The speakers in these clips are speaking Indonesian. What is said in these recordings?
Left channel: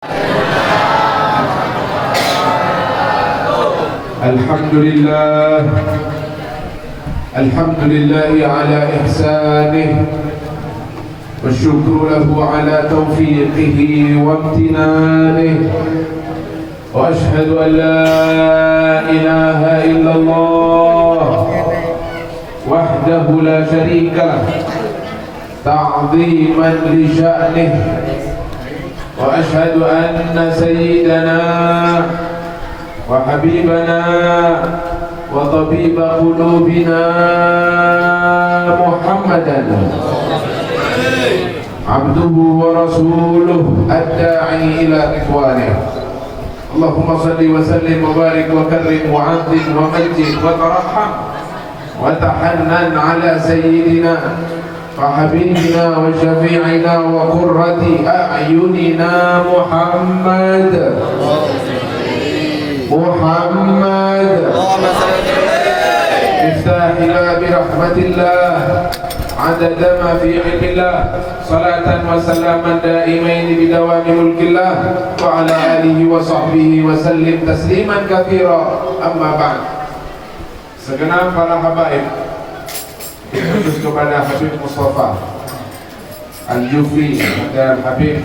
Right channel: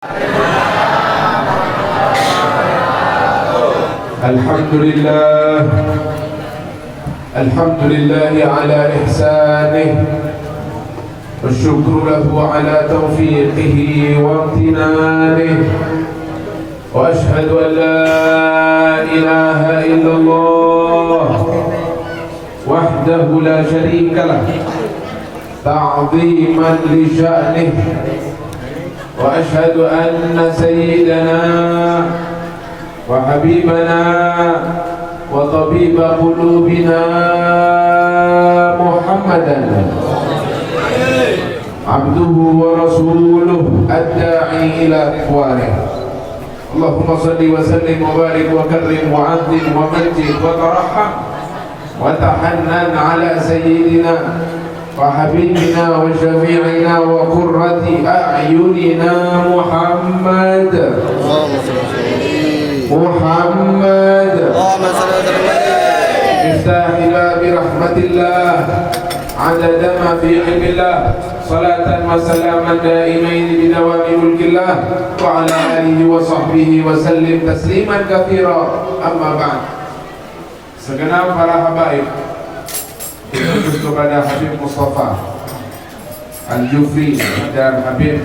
Alhamdulillah, alhamdulillah ala ihsanih, wa syukru lahu ala taufiqihi wa amtinanih, wa ashhadu an la ilaha illallah wahdahu la syarika lah ta'ziman li sya'nih, wa ashhadu anna sayyidana wa habibana wa tabiba qulubina Muhammadan abduhu wa rasuluh ad-da'i ila ridwanih. Allahumma salli wa sallim wa barik wa karrim wa azim wa majid wa tarahham wa tahannan ala sayyidina wa habibina wa syafi'ina wa qurrati a'yunina Muhammad Miftah ila birahmatillah adada ma fi ilmillah salatan wa salaman daimain bidawami mulkillah wa ala alihi wa sahbihi wa sallim tasliman kathira. Amma ba'd. Segenap para habaib khusus kepada Habib Mustafa Al-Jufri dan Habib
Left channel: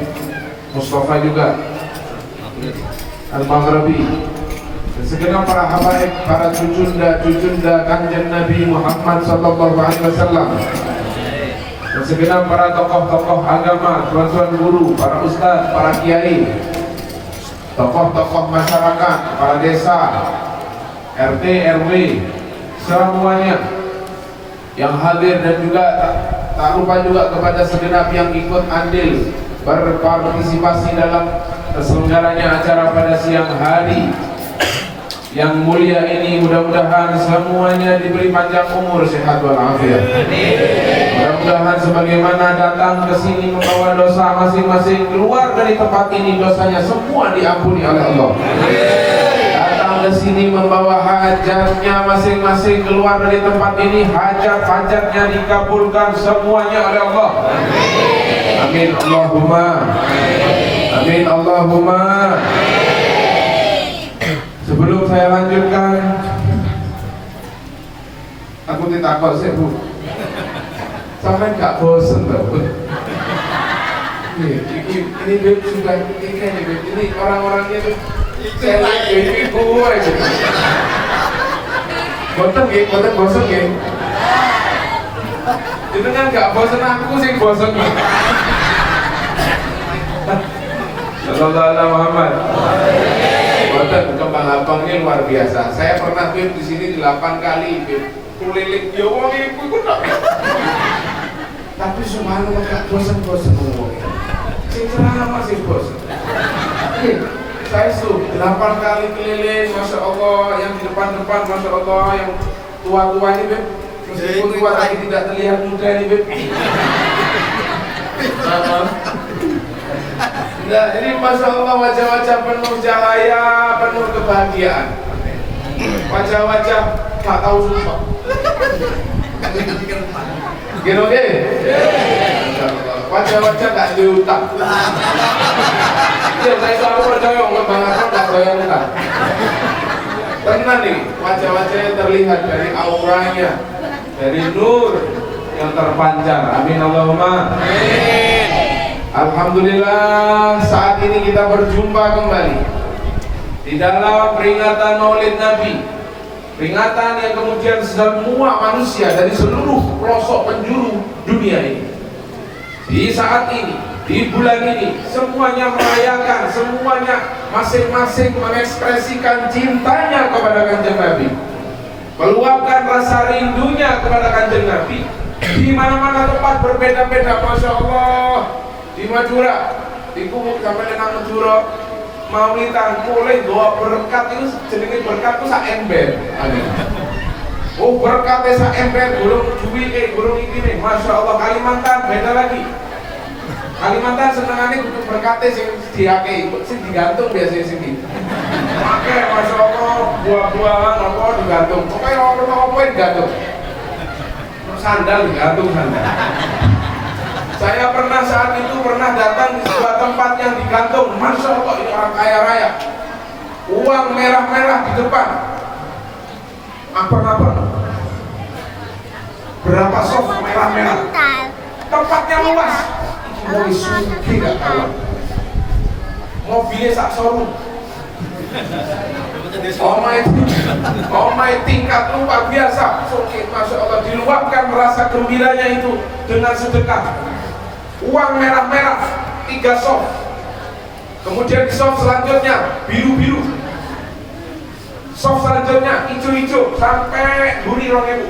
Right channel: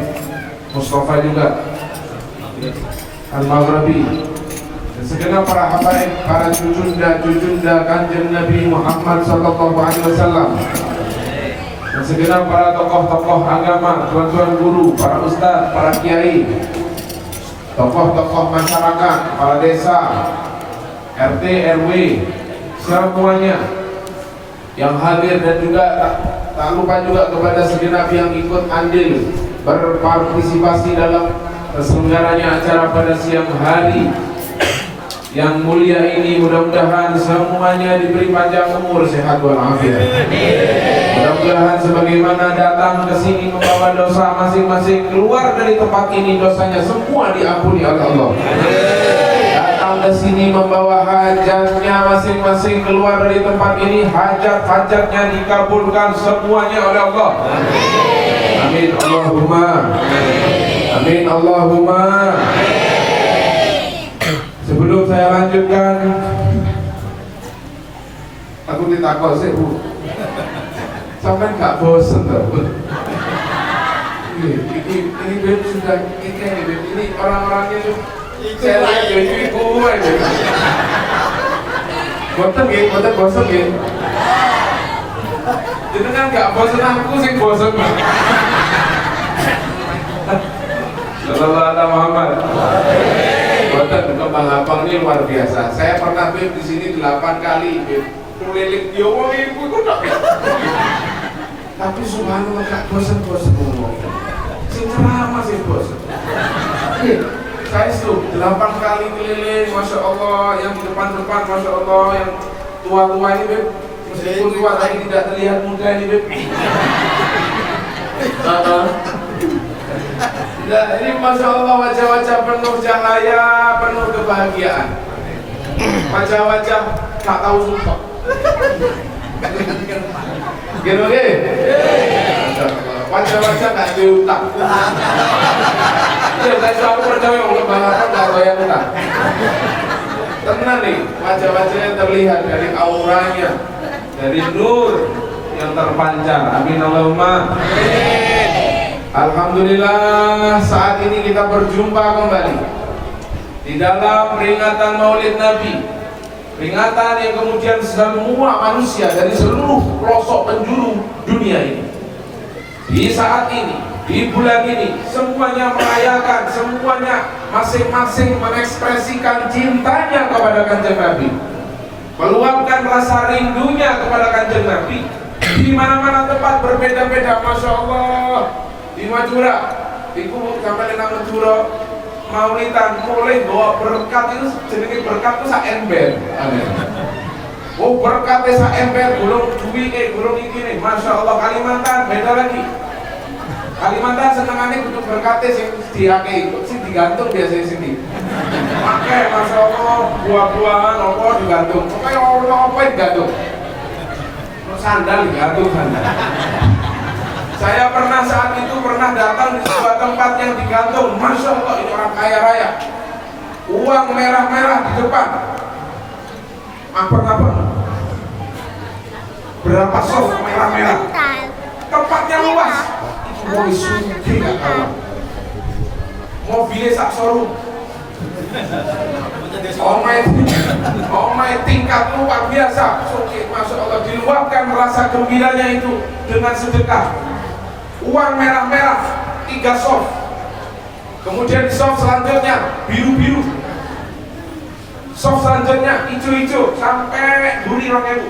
Mustafa juga Al-Maghribi, segenap para habaib, para cucunda Kanjeng Nabi Muhammad sallallahu alaihi wasallam, dan segenap para tokoh-tokoh agama, tuan-tuan guru, para ustaz, para kiai, tokoh-tokoh masyarakat, para desa, RT, RW, semuanya yang hadir, dan juga tak lupa juga kepada segenap yang ikut andil berpartisipasi dalam terselenggaranya acara pada siang hari yang mulia ini. Mudah-mudahan semuanya diberi panjang umur, sehat walafiat. Mudah-mudahan sebagaimana datang ke sini membawa dosa masing-masing, keluar dari tempat ini dosanya semua diampuni oleh Allah. Datang ke sini membawa hajatnya masing-masing, keluar dari tempat ini hajat-hajatnya dikabulkan semuanya oleh Allah. Amin Allahumma. Amin Allahumma. Sebelum saya lanjutkan, aku ditakut sih Bu, sampai gak bosen tau Bu? Ini Beb sudah tiga nih Beb, ini orang-orangnya tuh saya lihat ini gue Beb. Boten bosen gak? Itu kan gak bosen, aku sih bosen. Sallallahu alaihi Muhammad. Boten kembang abang ini luar biasa. Saya pernah Beb di sini 8 kali Beb. Kulilik yo wong iku kok. Tapi subhanallah gak bosan-bosan ngomong. Sing ceramah sing bosan. Saya itu 8 kali keliling, masya Allah, yang di depan-depan, masya Allah, yang tua-tua ini Beb. Meskipun tua tapi tidak terlihat muda ini Beb. Nah, ini masya Allah wajah-wajah penuh cahaya, penuh kebahagiaan. Wajah-wajah tak tahu sumpah. Gini oke? Wajah-wajah gak diutang. Saya selalu percaya ngebangakan gak doyan utang. Tenang nih, wajah-wajahnya terlihat dari auranya, dari nur yang terpancar. Amin Allahumma. Alhamdulillah, saat ini kita berjumpa kembali di dalam peringatan Maulid Nabi, peringatan yang kemudian semua manusia dari seluruh pelosok penjuru dunia ini, di saat ini, di bulan ini, semuanya merayakan, semuanya masing-masing mengekspresikan cintanya kepada Kanjeng Nabi, meluapkan rasa rindunya kepada Kanjeng Nabi di mana-mana tempat berbeda-beda. Masya Allah. Di Madura, di Kubuk sampai nang Madura, Maulitan mulai bawa berkat itu, jenenge berkat itu sak ember. Oh berkatnya sak ember, gulung duwi gulung iki nih. Masya Allah. Kalimantan beda lagi. Kalimantan senengannya kudu berkatnya sing diake, sing digantung biasanya sini. Pakai Masya Allah, buah-buahan apa digantung. Pokoknya orang apa digantung. Sandal digantung sandal. Saya pernah saat itu datang di sebuah tempat yang digantung, Masya Allah ini orang kaya raya, uang merah-merah di depan, apa berapa soft merah-merah, tempatnya luas, mau suki gak kalah, mobilnya sak showroom. Omai tingkat luar biasa. Oke, Masya Allah, diluapkan rasa gembiranya itu dengan sedekah. Uang merah-merah 3 soft, kemudian soft selanjutnya biru-biru, soft selanjutnya hijau-hijau sampai buri 2000.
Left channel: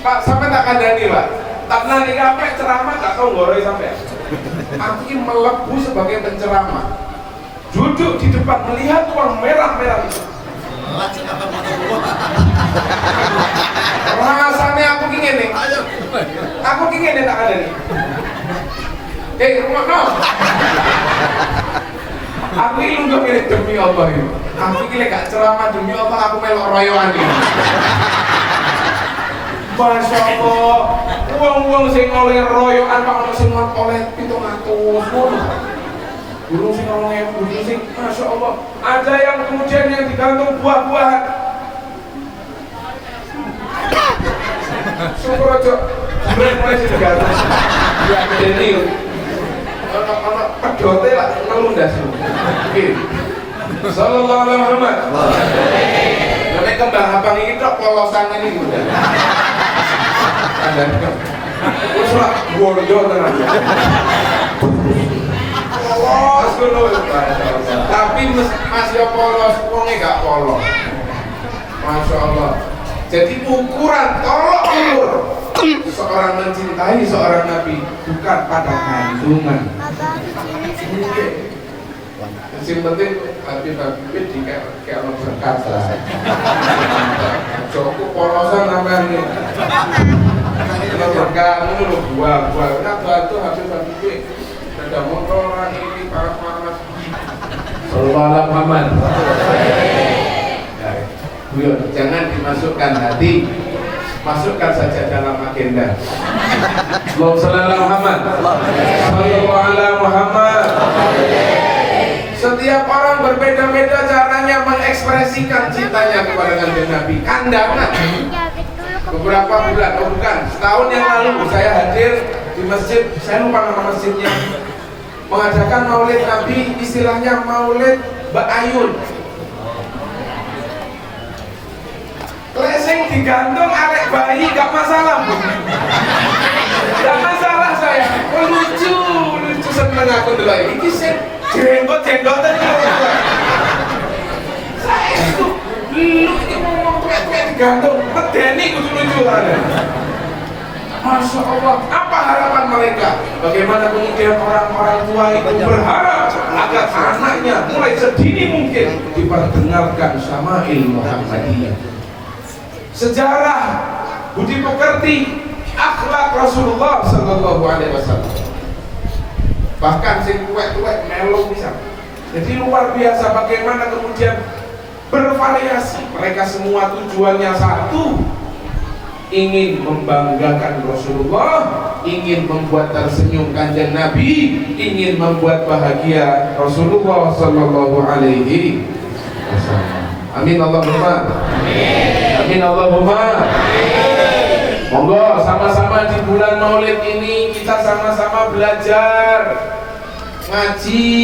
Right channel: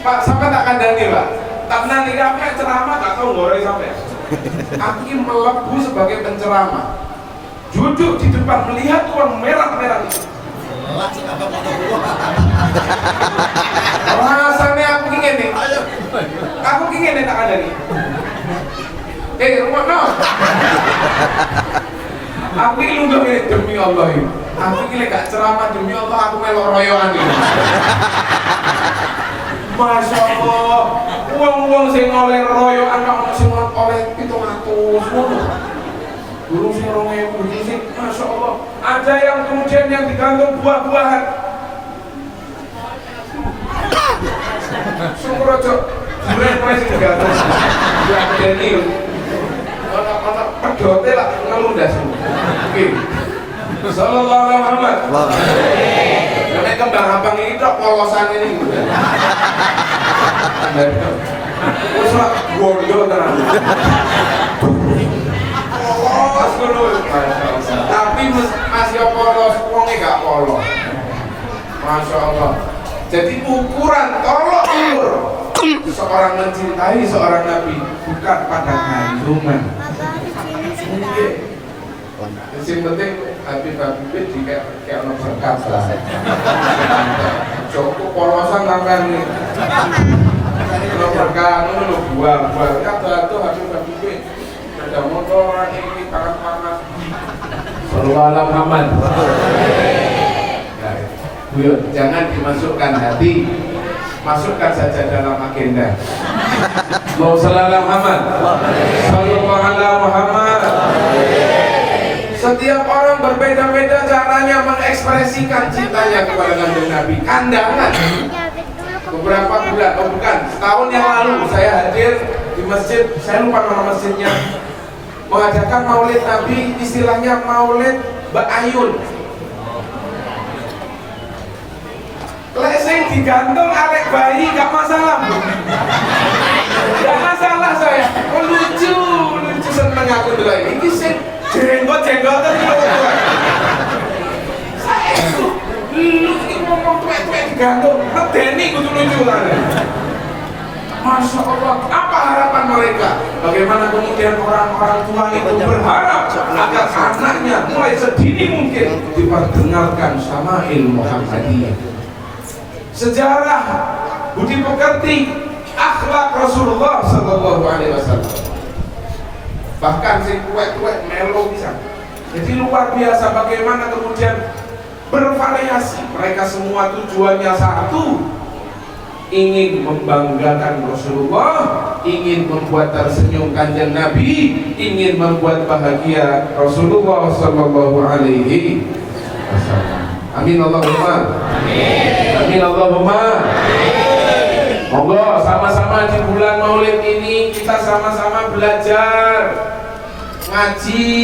Pak, sampai tak kandani Pak, tak nanti apa ceramah gak tau ngoroi sampai. Aku ini melebu sebagai penceramah, duduk di depan melihat uang merah-merah itu. Rasanya aku ingin nih, tak ada nih. Rumah no. Aku ini lunggah ini demi Allah ini. Aku ini gak ceramah demi Allah, aku melok royoan ini. Masya Allah, uang-uang sing oleh royoan kok sing oleh 700. Burung sing orangnya burung sing, Masya Allah. Ada yang kemudian yang digantung buah-buahan. Syukur aja, sebenarnya mulai sing digantung. Jadi, ono pedote lah ngelundas. Oke. Sallallahu alaihi Muhammad. Nek kembang abang ini tok polosan ini udah. Ada tok. Wis lah gondo tenan. Polos ngono tapi masih polos, wonge gak polos. Masya Allah. Jadi ukuran tolok ukur seorang mencintai seorang nabi bukan pada kandungan. Yang penting Habib di kayak ono berkat lah. Joko polosan sampean iki. Ono berkat ngono buah-buah. Atu Habib ada motoran ini panas. Sallallahu alaihi Muhammad. Jangan dimasukkan hati, masukkan saja dalam agenda. Allahumma shalli ala Muhammad. Sallallahu alaihi Muhammad. Setiap orang berbeda-beda caranya mengekspresikan cintanya kepada Kanjeng Nabi. Kandangan. Beberapa bulan, setahun yang lalu saya hadir di masjid, saya lupa nama masjidnya, mengadakan maulid Nabi, istilahnya maulid Mbak Ayun. Leseng digantung arek bayi gak masalah, Bu. Gak masalah saya. Oh, lucu seneng aku dulu ini sih jenggot-jenggotan ini loh. Saya itu lu ini ngomong tuwek-tuwek digantung, medeni kudu lucu lah. Masya Allah, apa harapan mereka? Bagaimana kemudian orang-orang tua itu berharap agar anaknya mulai sedini mungkin diperdengarkan Syama'il Muhammadiyah, sejarah, budi pekerti, akhlak Rasulullah Sallallahu Alaihi Wasallam. Bahkan sing tuwek-tuwek melo bisa. Jadi luar biasa bagaimana kemudian bervariasi. Mereka semua tujuannya satu, ingin membanggakan Rasulullah, ingin membuat tersenyum Kanjeng Nabi, ingin membuat bahagia Rasulullah Sallallahu Alaihi Wasallam. Amin Allahumma. Amin Allahumma. Monggo sama-sama di bulan Maulid ini kita sama-sama belajar ngaji,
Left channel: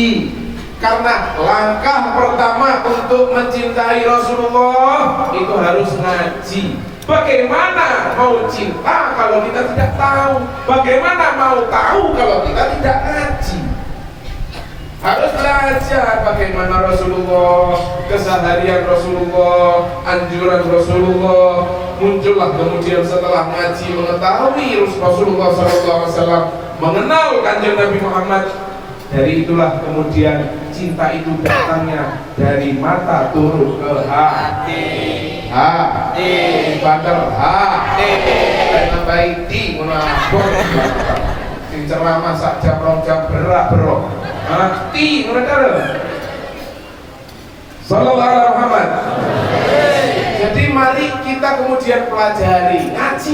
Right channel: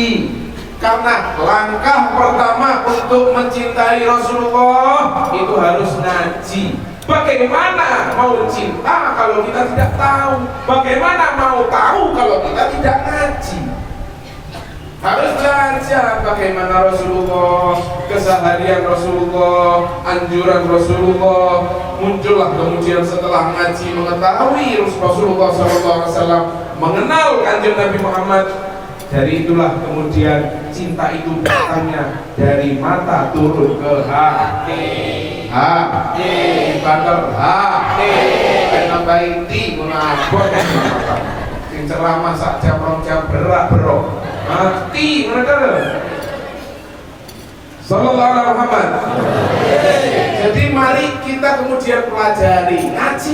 karena langkah pertama untuk mencintai Rasulullah itu harus ngaji. Bagaimana mau cinta kalau kita tidak tahu? Bagaimana mau tahu kalau kita tidak ngaji? Harus belajar bagaimana Rasulullah, keseharian Rasulullah, anjuran Rasulullah. Muncullah kemudian setelah ngaji mengetahui Rasulullah SAW, mengenal Kanjeng Nabi Muhammad. Dari itulah kemudian cinta itu datangnya dari mata turun ke hati. Hati, bandar hati, nambahin ti, menabur, sing ceramah sak jam rong jam berak berok. Mati mereka. Sallallahu alaihi Muhammad. Jadi mari kita kemudian pelajari ngaji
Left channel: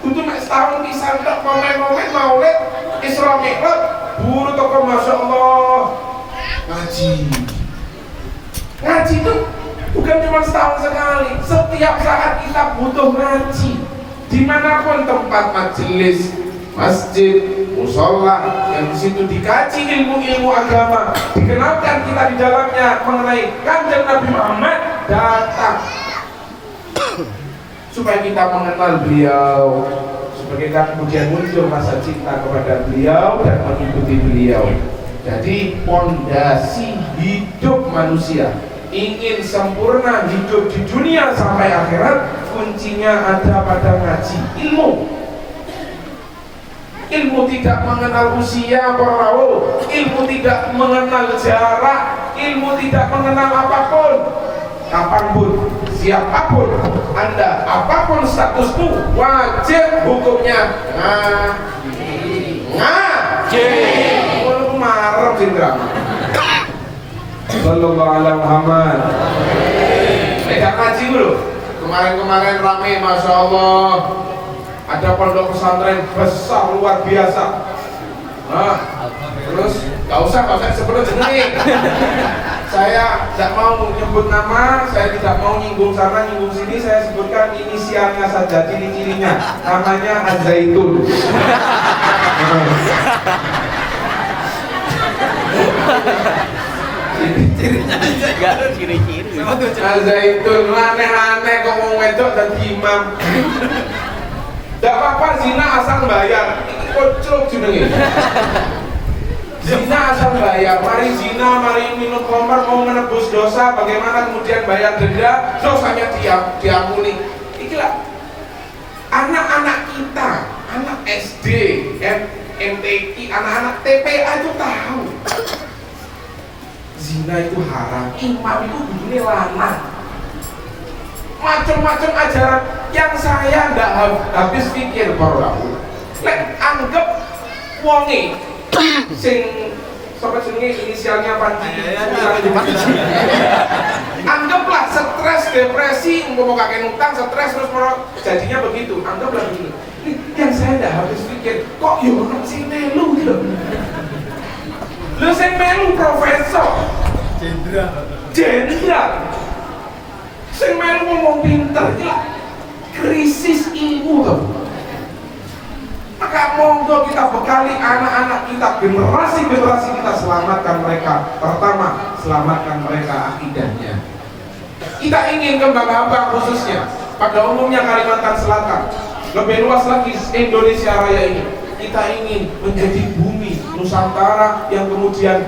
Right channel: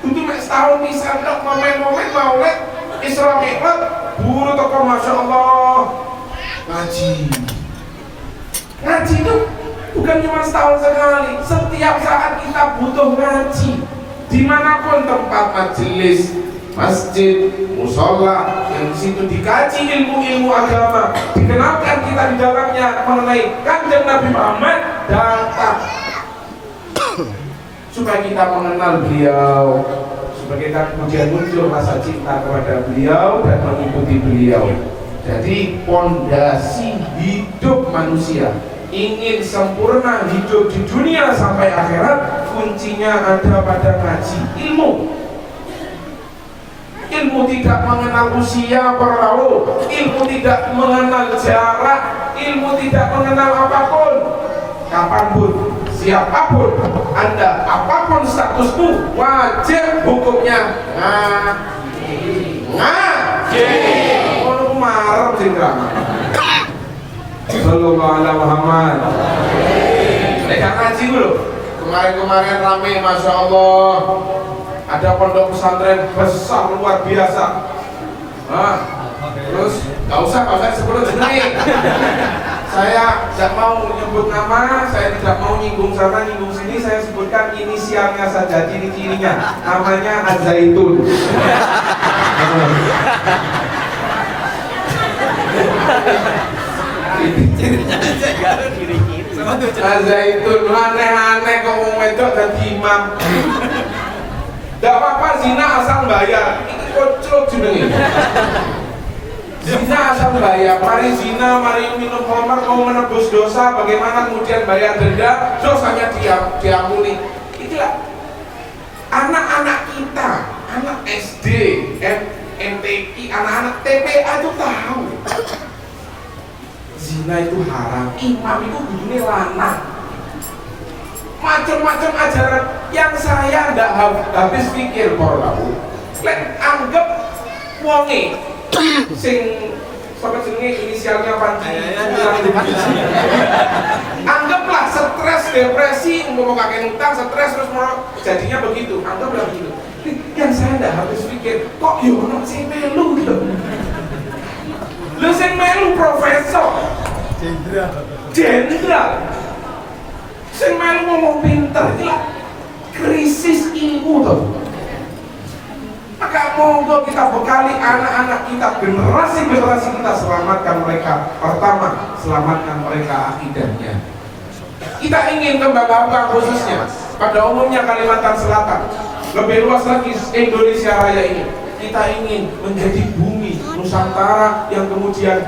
kudu mek setahun pisan tok momen-momen Maulid Isra Mi'raj buru toko Masya Allah ngaji itu bukan cuma setahun sekali, setiap saat kita butuh ngaji dimanapun tempat majelis, masjid, musola yang disitu dikaji ilmu-ilmu agama, dikenalkan kita di dalamnya mengenai Kanjeng Nabi Muhammad, datang supaya kita mengenal beliau, supaya kita kemudian muncul rasa cinta kepada beliau dan mengikuti beliau. Jadi pondasi hidup manusia ingin sempurna hidup di dunia sampai akhirat, kuncinya ada pada ngaji ilmu. Ilmu tidak mengenal usia perahu, ilmu tidak mengenal jarak, ilmu tidak mengenal apapun, kapanpun, siapapun Anda, apapun statusmu, wajib hukumnya ngaji. Kalau marah jenderal Sallallahu alaihi Muhammad. Lek ngaji dulu. Kemarin rame, Masya Allah. Ada pondok pesantren besar luar biasa. Terus nggak usah sebut jenenge. Saya tidak mau nyebut nama, saya tidak mau nyinggung sana nyinggung sini. Saya sebutkan inisialnya saja, ciri-cirinya. Namanya Az-Zaitun. Cirinya aja gak ciri-ciri sama tuh Az-Zaitun aneh-aneh kok mau wedok dan imam. Tidak apa-apa zina asal bayar. Ini kocok jenenge. Zina asal bayar. Mari zina, mari minum khamar, mau menebus dosa, bagaimana kemudian bayar denda, dosanya diampuni. Itulah anak-anak kita, anak SD, MTQ, anak-anak TPA itu tahu zina itu haram, imam itu begini lanang, macam-macam ajaran yang saya nggak habis pikir kalau lek anggap wonge sing sampai jenenge inisialnya Panji, anggaplah stres, depresi, mau kakek utang, stres terus jadinya begitu, anggaplah begitu. Yang saya nggak habis pikir kok yono sing melu gitu. Lu sing melu profesor jenderal sing melu ngomong pinter, gila krisis ilmu tuh. Maka monggo kita bekali anak-anak kita, generasi-generasi kita, selamatkan mereka. Pertama, selamatkan mereka akidahnya. Kita ingin Kembang-Ampang khususnya, pada umumnya Kalimantan Selatan, lebih luas lagi Indonesia Raya ini, kita ingin menjadi bumi Nusantara yang kemudian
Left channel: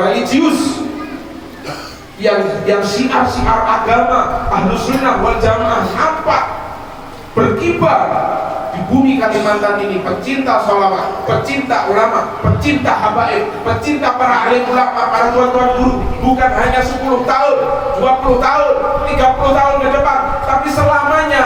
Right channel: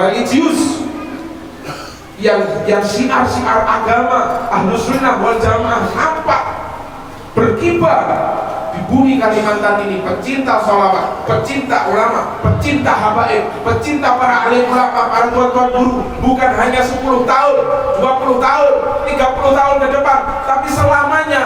religius, yang syiar-syiar agama Ahlus Sunnah wal Jamaah nampak berkibar di bumi Kalimantan ini. Pecinta sholawat, pecinta ulama, pecinta habaib, pecinta para alim ulama, para tuan-tuan guru, bukan hanya 10 tahun, 20 tahun, 30 tahun ke depan, tapi selamanya.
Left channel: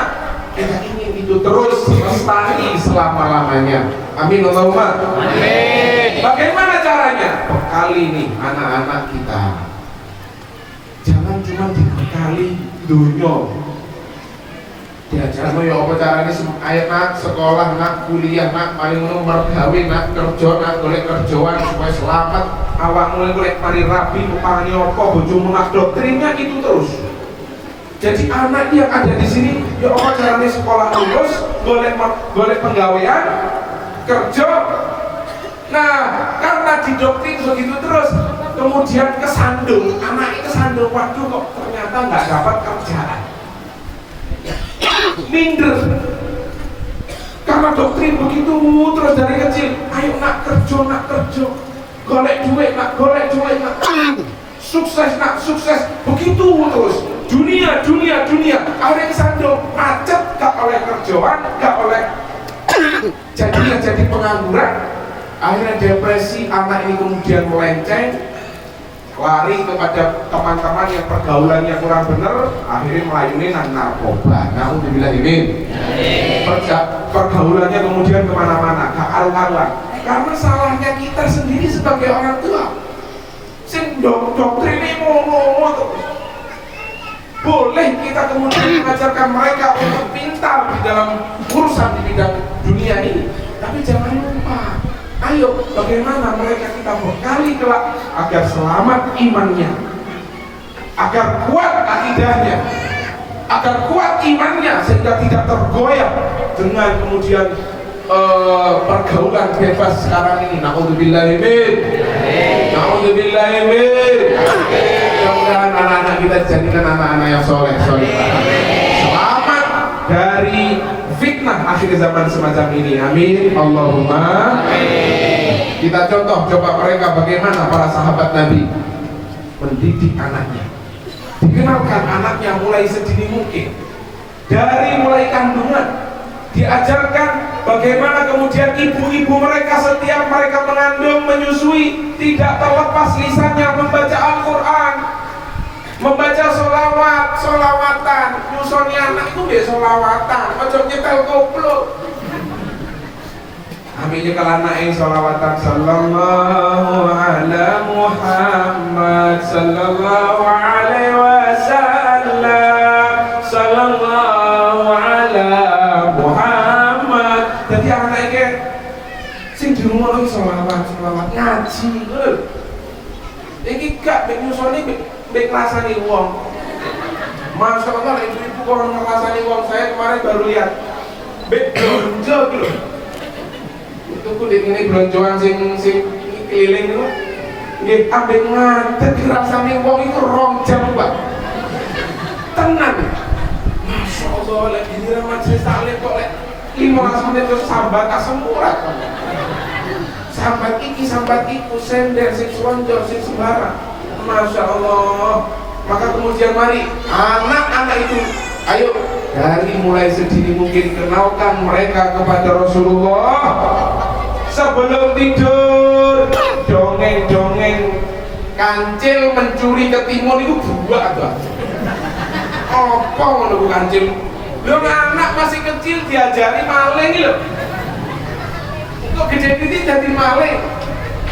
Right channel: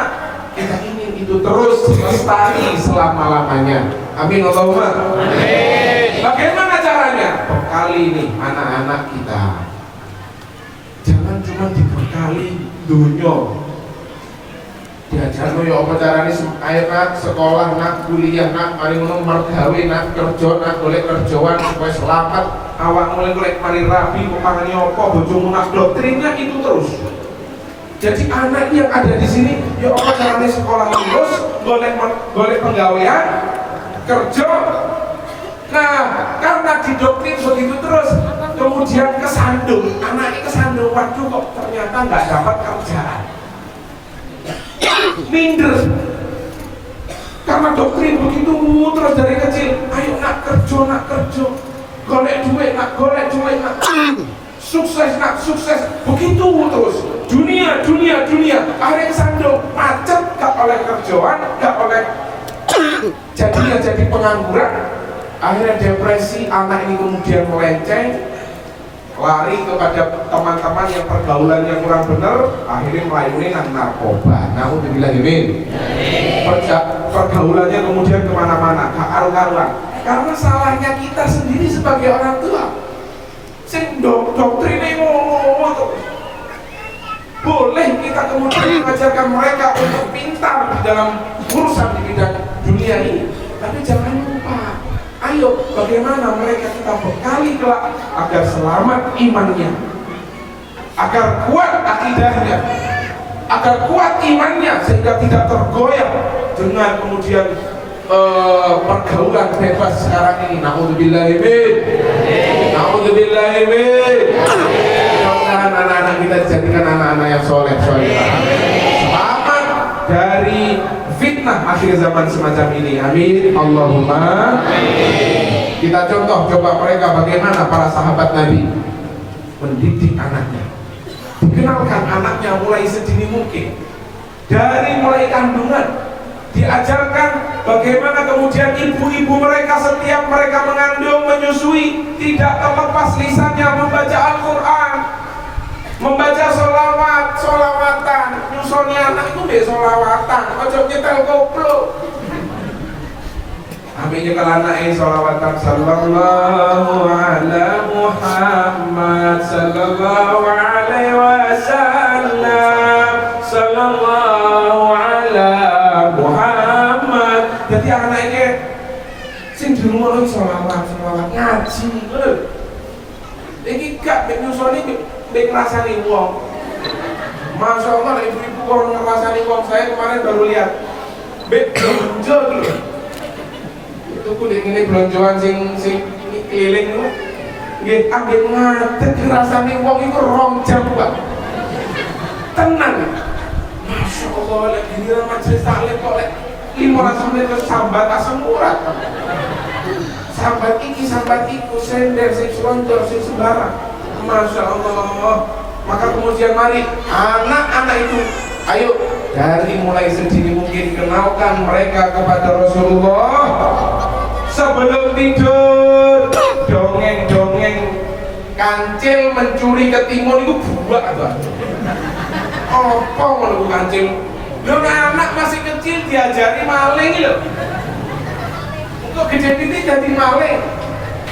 Kita ingin itu terus lestari selama-lamanya. Amin Allahumma amin. Bagaimana caranya? Bekali nih anak-anak kita. Jangan cuma dibekali dunia. Diajar ya apa caranya, ayo nak sekolah, nak kuliah, nak paling mergawe, nak kerja, nak golek kerjaan supaya selamat. Awak mulai golek mari rapi, pangannya apa, bojomu nak doktrinnya itu terus. Jadi anak yang ada di sini, ya apa caranya sekolah lulus, golek penggawean, kerja. Nah, karena didoktrin begitu terus, kemudian kesandung, anaknya kesandung, waduh kok ternyata nggak dapat kerjaan. Minder karena doktrin begitu terus dari kecil. Ayo nak kerja, golek duit nak, sukses nak, sukses, begitu terus. Dunia, akhirnya kesandung, macet, gak oleh kerjaan, gak oleh jadi pengangguran, akhirnya depresi. Anak ini kemudian melenceng, lari kepada teman-teman yang pergaulannya kurang benar, akhirnya melayuni narkoba. Naudzubillah min. Pergaulannya kemudian kemana-mana, karu-karuan. Karena salahnya kita sendiri sebagai orang tua. Sing doktrinnya ngomong terus. Boleh kita kemudian mengajarkan mereka untuk pintar di dalam urusan di bidang dunia ini. Tapi jangan lupa, ayo bagaimana mereka kita bekali kelak agar selamat imannya, agar kuat akidahnya, agar kuat imannya sehingga tidak tergoyah dengan kemudian pergaulan bebas sekarang ini. Na'udzubillahi min. Na'udzubillahi min. Mudah-mudahan anak-anak kita dijadikan anak-anak yang soleh. Selamat dari fitnah akhir zaman semacam ini. Amin. Allahumma. Kita coba mereka bagaimana para sahabat Nabi mendidik anaknya, dikenalkan anaknya mulai sedini mungkin, dari mulai kandungan, diajarkan bagaimana kemudian ibu-ibu mereka setiap mereka mengandung, menyusui, tidak terlepas lisannya membaca Al-Quran, membaca solawatan, nyusoni anak itu be solawatan, ojo nyetel koplo. Aminnya kalau anaknya solawatan, sallallahu ala Muhammad, sallallahu alaihi wasallam, sallallahu ala Muhammad. Jadi anaknya sing di rumah lagi solawat ngaji, bener. Iki gak mek nyusoni mek ngrasani wong. Masya Allah, ibu-ibu kalau ngerasani wong, saya kemarin baru lihat mek belanja lho. Itu kulit ini belonjoan sing keliling itu. Nggih ambek ngadeg ngrasani wong itu 2 jam, Pak. Tenang. Masya Allah, lek giliran majelis taklim kok lek 15 menit terus sambat asam urat. Sambat iki, sambat iku, sender sing selonjor, sing sembarang. Masya Allah. Maka kemudian mari anak-anak itu, ayo dari mulai sedini mungkin kenalkan mereka kepada Rasulullah. Sebelum tidur, dongeng-dongeng kancil mencuri ketimun itu buah apa? Apa ngono kancil? Lho anak masih kecil diajari maling lho. Kok gede ini jadi maling?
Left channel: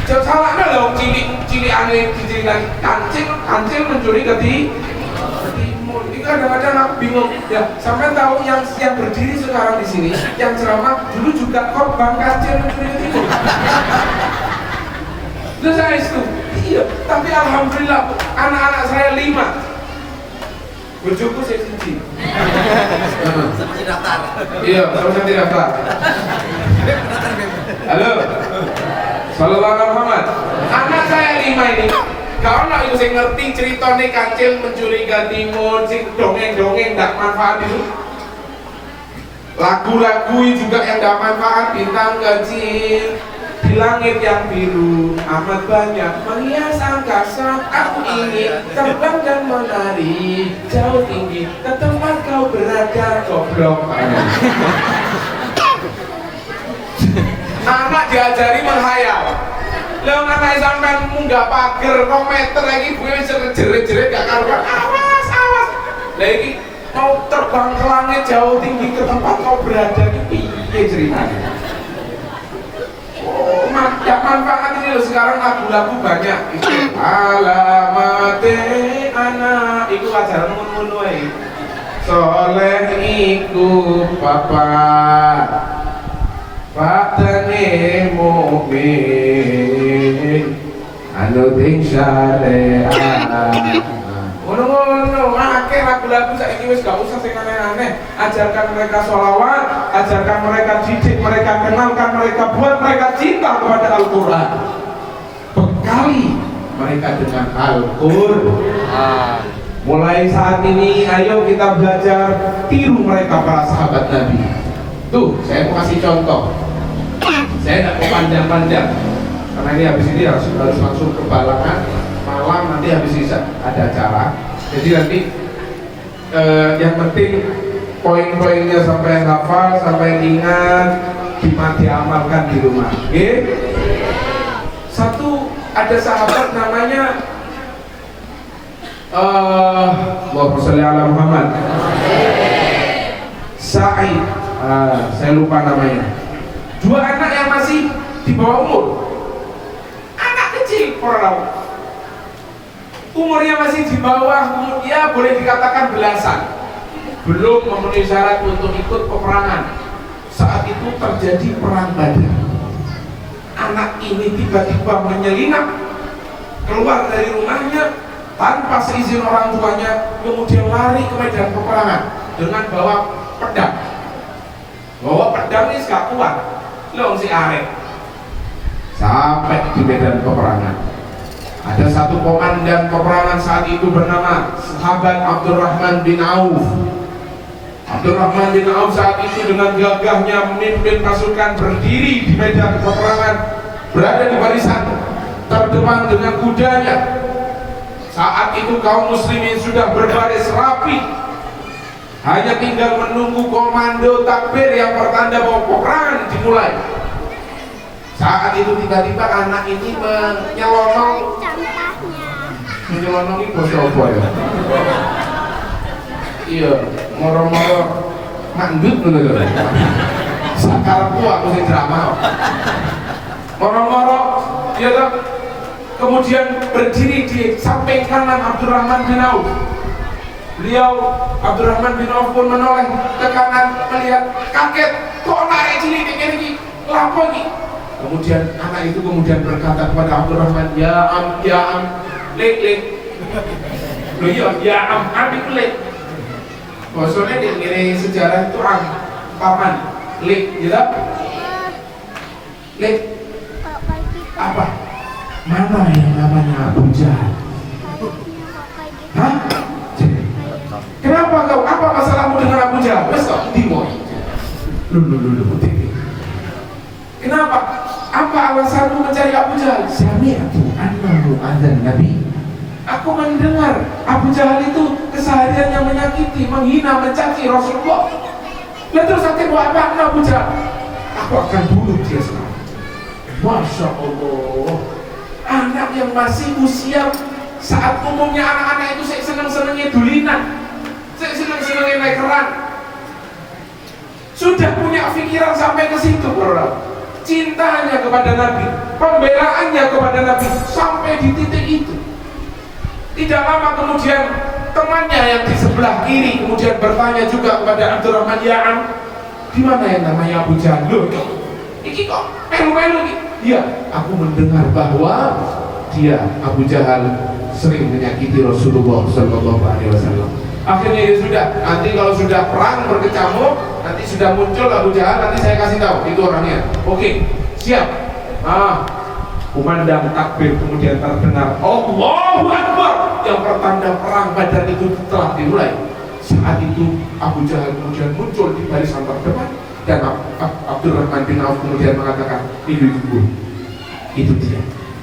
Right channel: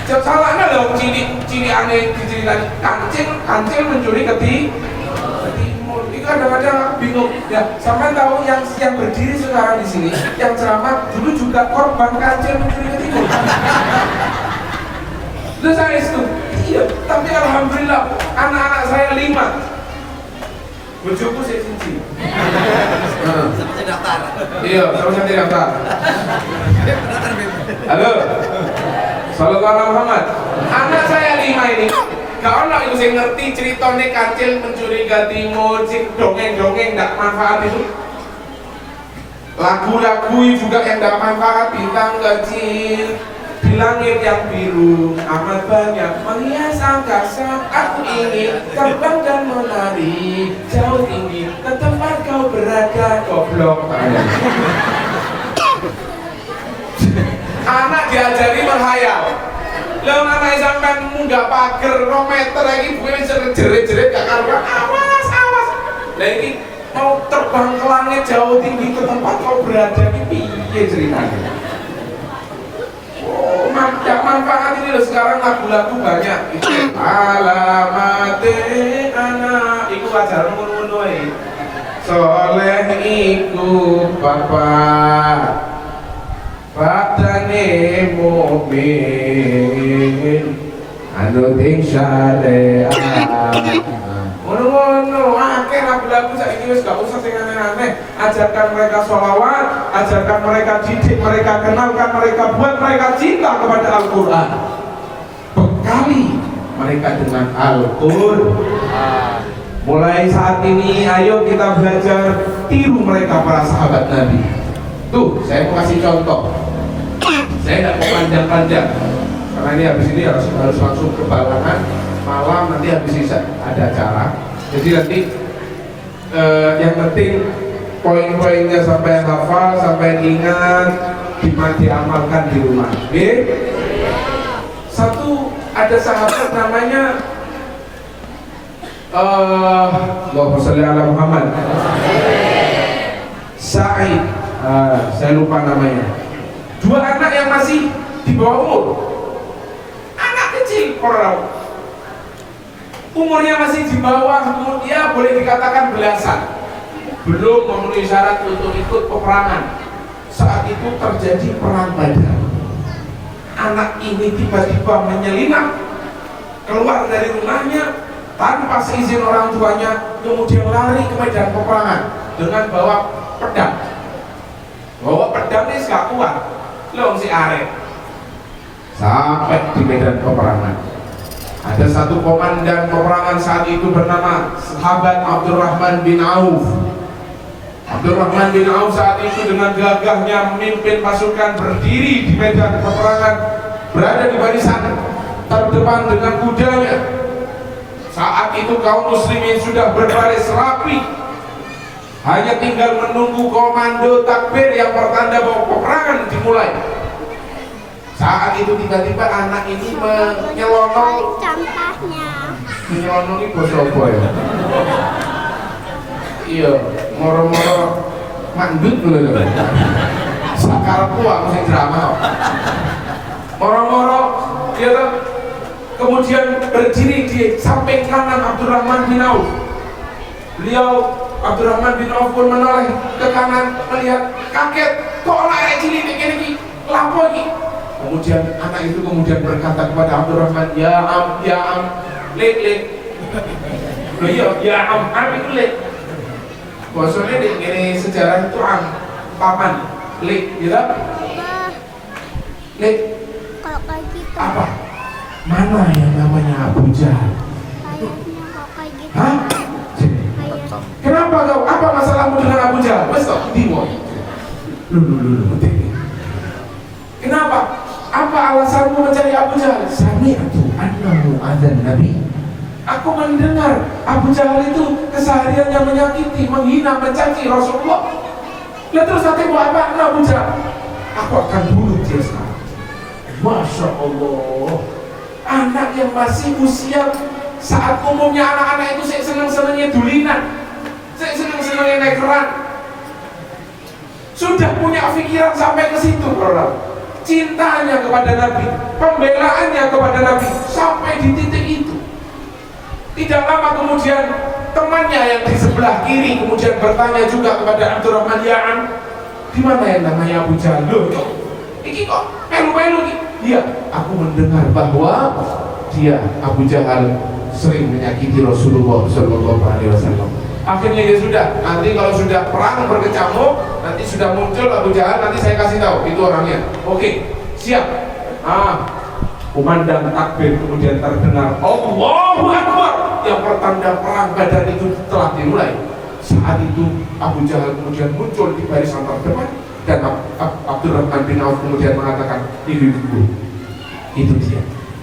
Jauh salahnya lho cilik aneh diceritain kancil mencuri ketimun. Itu kadang-kadang aku bingung. Ya, sampai tahu yang berdiri sekarang di sini, yang ceramah dulu juga korban kancil mencuri ketimun. Terus saya itu, iya. Tapi alhamdulillah anak-anak saya 5. Bojoku saya siji. Sama si daftar. Iya, sama si daftar. Daftar bebas. Halo. Sallallahu alaihi Muhammad. Anak saya 5 ini. Gak ono iku sing ngerti ceritane kancil mencuri ketimun, sing dongeng-dongeng ndak manfaat itu. Lagu-lagu juga yang ndak manfaat, bintang kecil di langit yang biru amat banyak menghias angkasa. Aku ingin terbang dan menari jauh tinggi ke tempat kau berada, goblok. Anak diajari menghayal. Lah anak sampean munggah pager 2 meter lagi gue wis jerit-jerit gak karuan. Awas. Lah iki mau terbang ke langit jauh tinggi ke tempat kau berada iki piye ceritanya? Oh, tidak manfaat ini loh. Sekarang lagu-lagu banyak. Itu alamate anak iku ajaran ngono-ngono ae. Soleh iku bapak Fatane mukmin anu ting syariat. Ngono-ngono akeh lagu-lagu saiki wis gak usah sing aneh-aneh. Ajarkan mereka sholawat, ajarkan mereka didik, mereka kenalkan mereka, buat mereka cinta kepada Al-Qur'an. Bekali mereka dengan Al-Qur'an. Mulai saat ini ayo kita belajar tiru mereka para sahabat Nabi. Tuh, saya mau kasih contoh. Saya tidak mau panjang-panjang karena ini habis ini harus langsung ke Balangan. Malam nanti habis Isya ada acara. Jadi nanti yang penting poin-poinnya sampai hafal, sampai ingat, diamalkan di rumah. Oke? Satu, ada sahabat namanya Allahumma sholli ala Muhammad. Sa'id. Saya lupa namanya. 2 anak yang masih di bawah umur, anak kecil, umurnya masih di bawah umur, ya boleh dikatakan belasan. belum memenuhi syarat untuk ikut peperangan. Saat itu terjadi perang Badar. Anak ini tiba-tiba menyelinap keluar dari rumahnya tanpa seizin orang tuanya, kemudian lari ke medan peperangan dengan bawa pedang. Bawa pedang ini gak kuat, loh si arek. Sampai di medan peperangan, ada satu komandan peperangan saat itu bernama sahabat Abdurrahman bin Auf. Abdurrahman bin Auf saat itu dengan gagahnya memimpin pasukan berdiri di medan peperangan, berada di barisan terdepan dengan kudanya. Saat itu kaum muslimin sudah berbaris rapi, hanya tinggal menunggu komando takbir yang pertanda bahwa peperangan dimulai. Saat itu tiba-tiba anak ini menyelonong. Menyelonong ini bahasa apa ya? Iya, moro-moro mandut lho. Sakarepku aku sing drama. Moro-moro dia tuh kemudian berdiri di samping kanan Abdurrahman bin Auf. Beliau Abdurrahman bin Auf pun menoleh ke kanan, melihat kaget, kok anak cilik ini iki lapo iki. Kemudian anak itu kemudian berkata kepada Abdurrahman, ya am, lek. Loh ya am itu lek. Bosone ini sejarah itu paman, lek, gitu? Lek. Apa? Mana yang namanya Abu Jahal? Hah? Kenapa kau? Apa masalahmu dengan Abu Jahal? Besok dimo. Lu. Kenapa? Apa alasanmu mencari Abu Jahal? Sami'atu annahu adzan Nabi. Aku mendengar Abu Jahal itu kesehariannya menyakiti, menghina, mencaci Rasulullah. Lalu terus aku mau apa? Abu Jahal? Aku akan bunuh dia sekarang. Masya Allah. Anak yang masih usia saat umumnya anak-anak itu seneng-senengnya dulinan, seneng-senengnya naik keran. Sudah punya pikiran sampai ke situ, orang. Cintanya kepada Nabi, pembelaannya kepada Nabi sampai di titik itu. Tidak lama kemudian temannya yang di sebelah kiri kemudian bertanya juga kepada Abdurrahman, ya Am, di mana yang namanya Abu Jahal? Loh, iki kok melu-melu iki? Iya, aku mendengar bahwa dia Abu Jahal sering menyakiti Rasulullah Shallallahu Alaihi Wasallam. Akhirnya ya sudah, nanti kalau sudah perang berkecamuk, nanti sudah muncul Abu Jahal, nanti saya kasih tahu itu orangnya. Oke, siap. Kumandang takbir kemudian terdengar Allahu Akbar, yang pertanda perang Badar itu telah dimulai. Saat itu Abu Jahal kemudian muncul di barisan terdepan dan Abdurrahman bin Auf kemudian mengatakan, itu dia,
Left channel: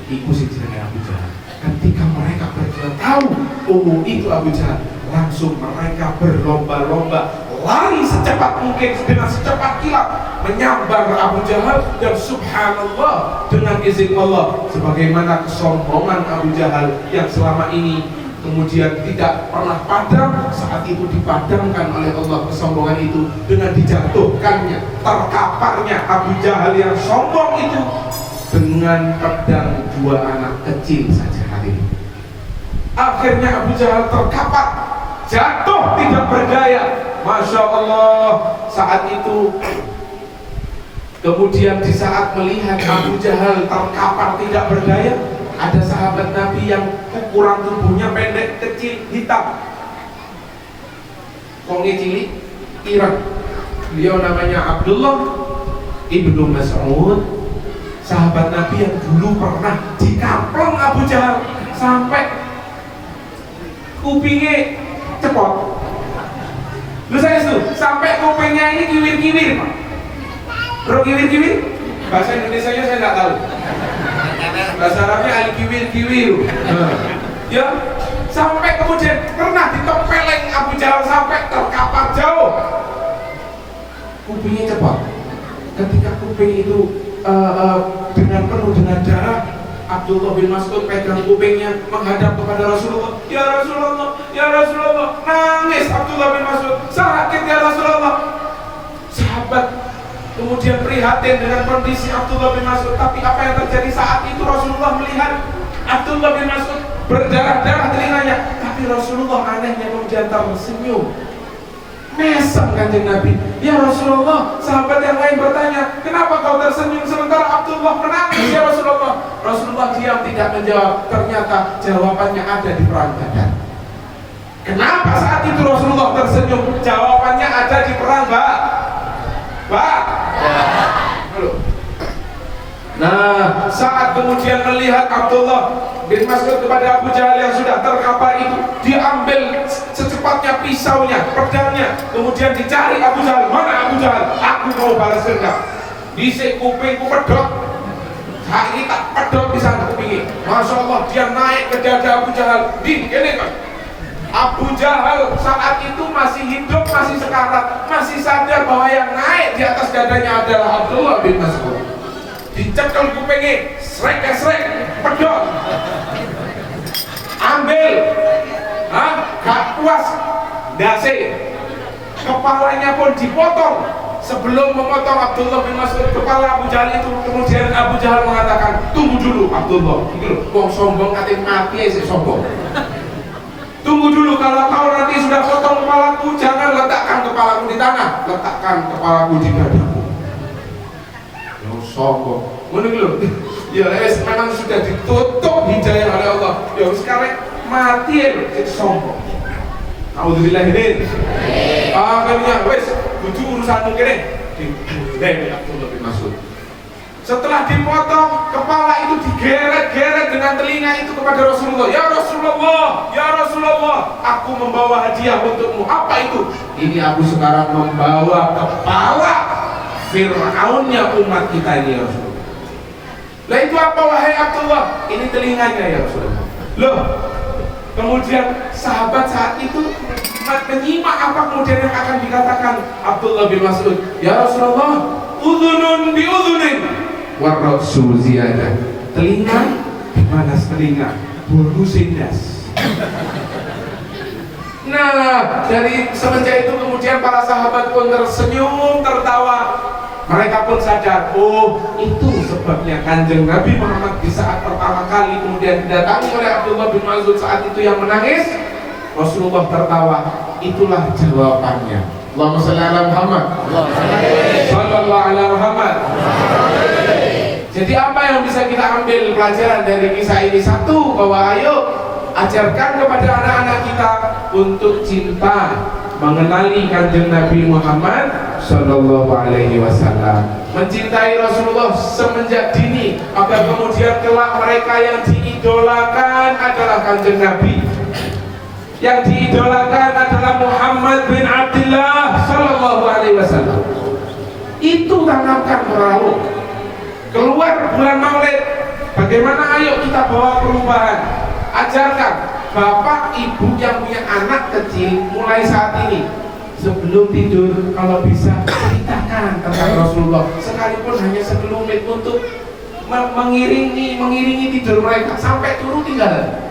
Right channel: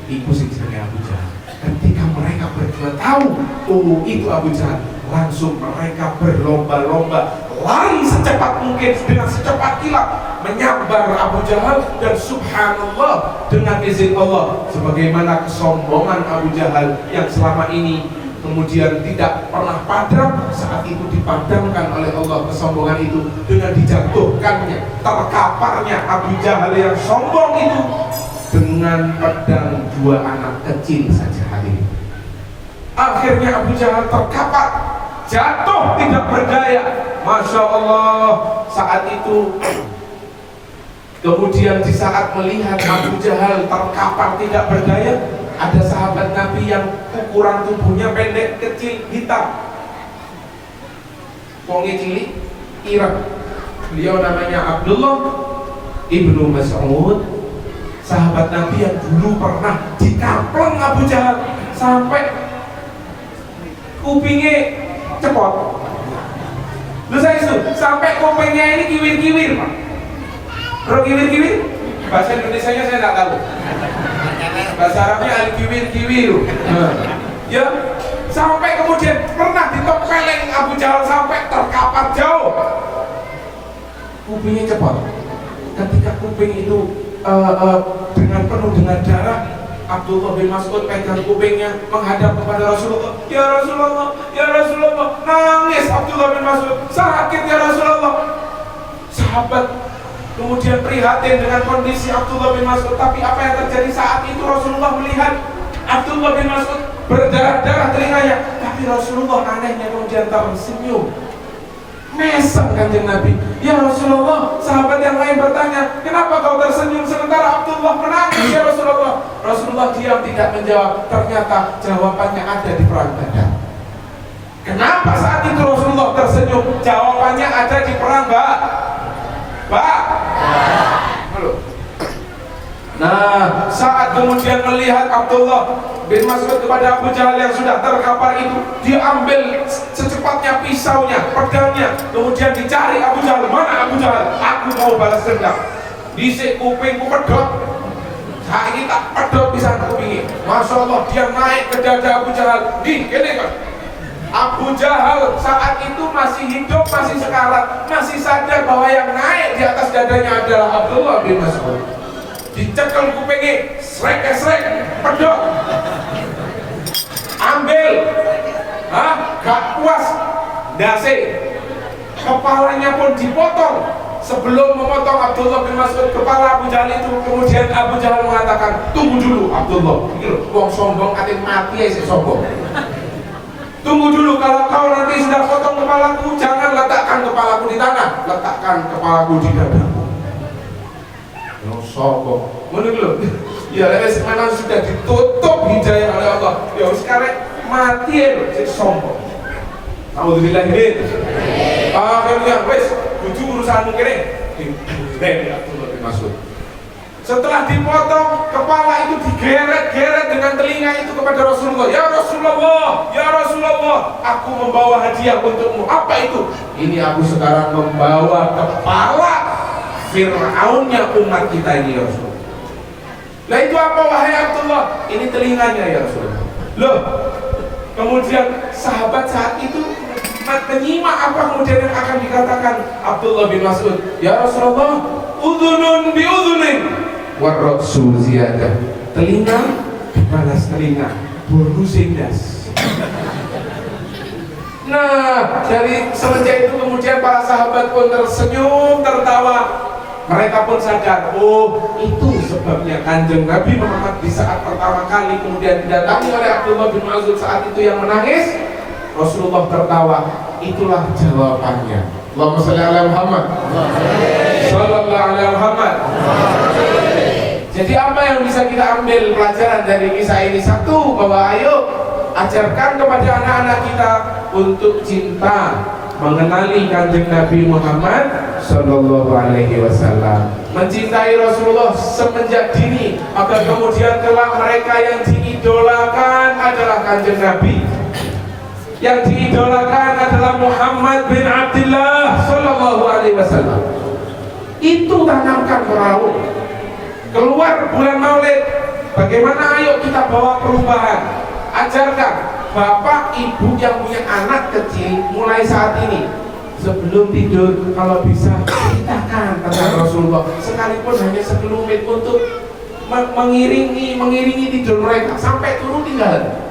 itu sih jenenge Abu Jahal. Ketika mereka berdua tahu, oh itu Abu Jahal, langsung mereka berlomba-lomba lari secepat mungkin dengan secepat kilat menyambar Abu Jahal, dan subhanallah dengan izin Allah, sebagaimana kesombongan Abu Jahal yang selama ini kemudian tidak pernah padam, saat itu dipadamkan oleh Allah kesombongan itu dengan dijatuhkannya, terkaparnya Abu Jahal yang sombong itu dengan pedang dua anak kecil saja hari ini. Akhirnya Abu Jahal terkapar, jatuh tidak berdaya. Masya Allah. Saat itu kemudian di saat melihat Abu Jahal terkapar tidak berdaya, ada sahabat Nabi yang ukuran tubuhnya pendek, kecil, hitam, wongnya cilik, ireng. Beliau namanya Abdullah ibnu Mas'ud, sahabat Nabi yang dulu pernah dikapleng Abu Jahal sampai kupingnya cepot. Lu saya itu sampai kupingnya ini kiwir-kiwir, Pak. Bro, kiwir-kiwir? Bahasa Indonesianya saya nggak tahu. Bahasa Arabnya al-kiwir-kiwir. Ya, sampai kemudian pernah ditempeleng Abu Jahal sampai terkapar jauh. Kupingnya cepot. Ketika kuping itu dengan penuh dengan darah, Abdullah bin Mas'ud pegang kupingnya menghadap kepada Rasulullah. Ya Rasulullah, ya Rasulullah. Nangis Abdullah bin Mas'ud, sakit ya Rasulullah. Sahabat kemudian prihatin dengan kondisi Abdullah bin Mas'ud. Tapi apa yang terjadi saat itu? Rasulullah melihat Abdullah bin Mas'ud berdarah-darah telinganya, tapi Rasulullah anehnya kemudian tersenyum, Mesem Kanjeng Nabi. Ya Rasulullah, sahabat yang lain bertanya, kenapa kau tersenyum sementara Abdullah menangis ya Rasulullah? Rasulullah diam tidak menjawab. Ternyata jawabannya ada di perang Badar. Kenapa saat itu Rasulullah tersenyum? Jawabannya ada di perang Halo. Nah, saat kemudian melihat Abdullah bin Mas'ud kepada Abu Jahal yang sudah terkapar itu, diambil secepatnya pisaunya, pedangnya, kemudian dicari Abu Jahal. Mana Abu Jahal? Aku mau balas dendam. Disik kupingku pedot, saat ini tak pedot di sana kupingi. Masya Allah, dia naik ke dada Abu Jahal. Gini kan, Abu Jahal saat itu masih hidup, masih sekarat, masih sadar bahwa yang naik di atas dadanya adalah Abdullah bin Mas'ud. Dicekel kupingnya, srek, pedot, ambil, gak puas, dasi, kepalanya pun dipotong. Sebelum memotong Abdullah bin Mas'ud kepala Abu Jahal itu, kemudian Abu Jahal mengatakan, tunggu dulu Abdullah, ini loh, wong sombong katanya mati ya sombong. Tunggu dulu, kalau kau nanti sudah potong kepalaku, jangan letakkan kepalaku di tanah, letakkan kepalaku di dadaku. Sombong, menurut lo, ya memang sudah ditutup hidayah oleh Allah. Ya sekarang mati ya, jadi sombong. Alhamdulillah. Akhirnya, wes, butuh urusanmu kene. Dari Abdullah bin Mas'ud. Setelah dipotong, kepala itu digeret-geret dengan telinga itu kepada Rasulullah. Ya Rasulullah, aku membawa hadiah untukmu. Apa itu? Ini aku sekarang membawa kepala Fir'aunnya umat kita ini ya Rasulullah. Lah itu apa wahai Abdullah? Ini telinganya ya Rasulullah. Loh, kemudian sahabat saat itu menyimak apa kemudian yang akan dikatakan Abdullah bin Mas'ud. Ya Rasulullah, udhunun bi udhunin warrasul ziyadah. Telinga dibalas telinga, bolu sindas. Nah, dari semenjak itu kemudian para sahabat pun tersenyum, tertawa. Mereka pun sadar, oh itu sebabnya Kanjeng Nabi Muhammad di saat pertama kali kemudian didatangi oleh Abdullah bin Mas'ud saat itu yang menangis, Rasulullah tertawa. Itulah jawabannya. Allahumma shalli ala Muhammad, sallallahu ala Muhammad. Jadi apa yang bisa kita ambil pelajaran dari kisah ini? Satu, bahwa ayo ajarkan kepada anak-anak kita untuk cinta, mengenali Kanjeng Nabi Muhammad Sallallahu Alaihi Wasallam, mencintai Rasulullah semenjak dini, agar kemudian kelak mereka yang diidolakan adalah Kanjeng Nabi, yang diidolakan adalah Muhammad bin Abdullah Sallallahu Alaihi Wasallam. Itu tanamkan merawat. Keluar bulan Maulid, bagaimana ayo kita bawa perubahan? Ajarkan bapak ibu yang punya anak kecil mulai saat ini, sebelum tidur kalau bisa ceritakan tentang Rasulullah, sekalipun hanya sekelumit untuk mengiringi tidur mereka sampai turun tinggal.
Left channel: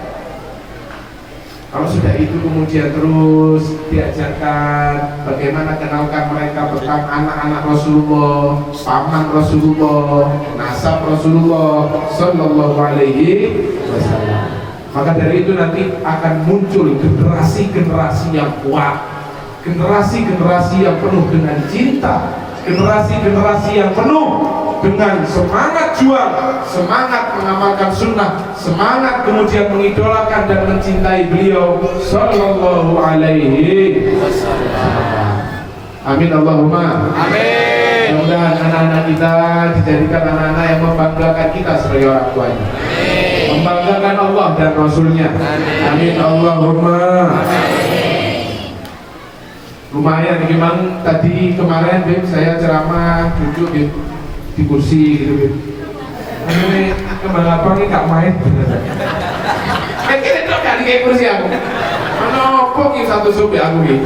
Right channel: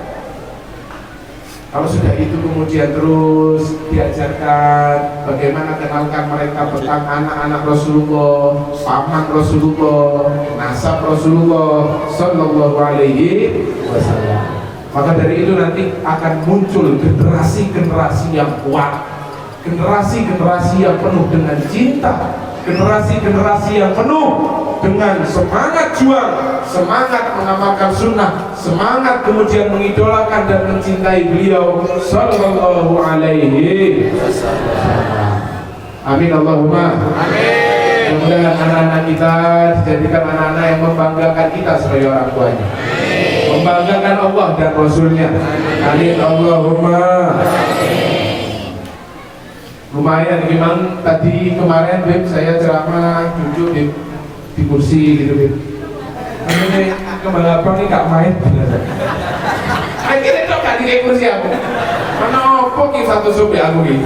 Kalau sudah itu kemudian terus diajarkan bagaimana kenalkan mereka tentang anak-anak Rasulullah, paman Rasulullah, nasab Rasulullah Sallallahu Alaihi Wasallam. Maka dari itu nanti akan muncul generasi-generasi yang kuat, generasi-generasi yang penuh dengan cinta, generasi-generasi yang penuh dengan semangat juang, semangat mengamalkan sunnah, semangat kemudian mengidolakan dan mencintai beliau Sallallahu Alaihi Wasallam. Amin Allahumma amin. Mudah-mudahan anak-anak kita dijadikan anak-anak yang membanggakan kita sebagai orang tuanya, membanggakan Allah dan Rasulnya. Amin Allahumma. Lumayan memang tadi kemarin Beb saya ceramah duduk Beb di kursi gitu Beb. Ini kembali apa nih gak main bener. Akhirnya tuh gak di kursi aku. Kenapa ki satu supi aku ki?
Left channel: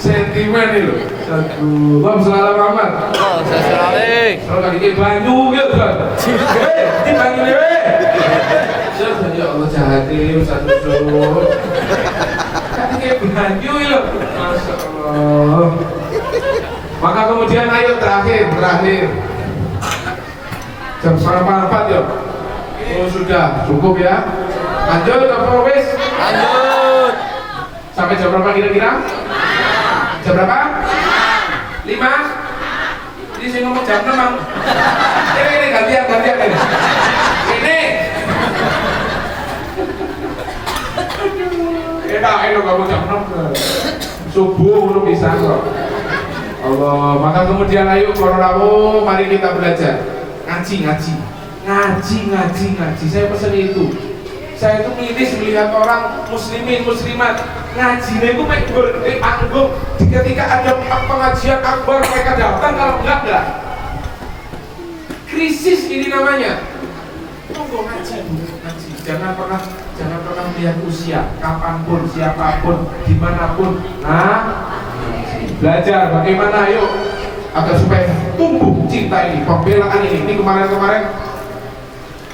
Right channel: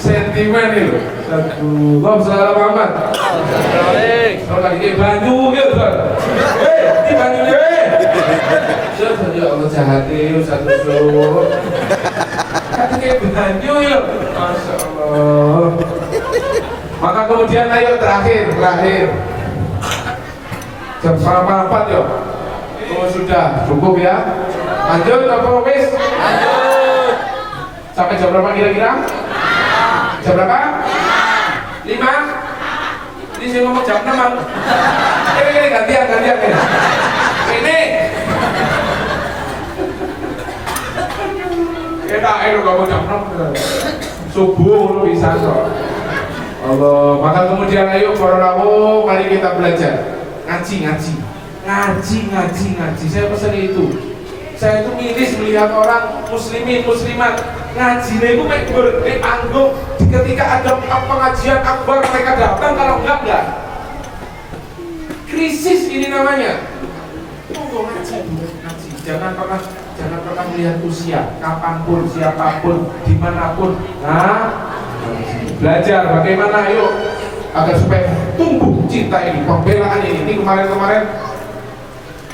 Sentimen nih loh. Allahumma sholli ala Muhammad. Kalau kali ini banyu ya tuh. Di banyu deh. Ya Allah jahat deh satu sup. Kali ini banyu ya. Masya Allah. Maka kemudian ayo terakhir jam 3:30 yuk. Oh sudah cukup ya. Lanjut apa wis? Sampai jam berapa kira-kira? Jam berapa? 5? Ini saya ngomong jam 6. Ini gantian ini. Ini. Enak kamu jam 6. Subuh lu bisa kok. Allah, maka kemudian ayo para rawuh, mari kita belajar. Ngaji. Saya pesan itu. Saya itu miris melihat orang muslimin muslimat ngajinya itu di panggung, ketika ada pengajian akbar mereka datang, kalau enggak krisis ini namanya. Tunggu ngaji. Jangan pernah melihat usia, kapanpun, siapapun, dimanapun. Nah, belajar bagaimana ayo agar supaya tumbuh cinta ini, pembelaan ini. Ini kemarin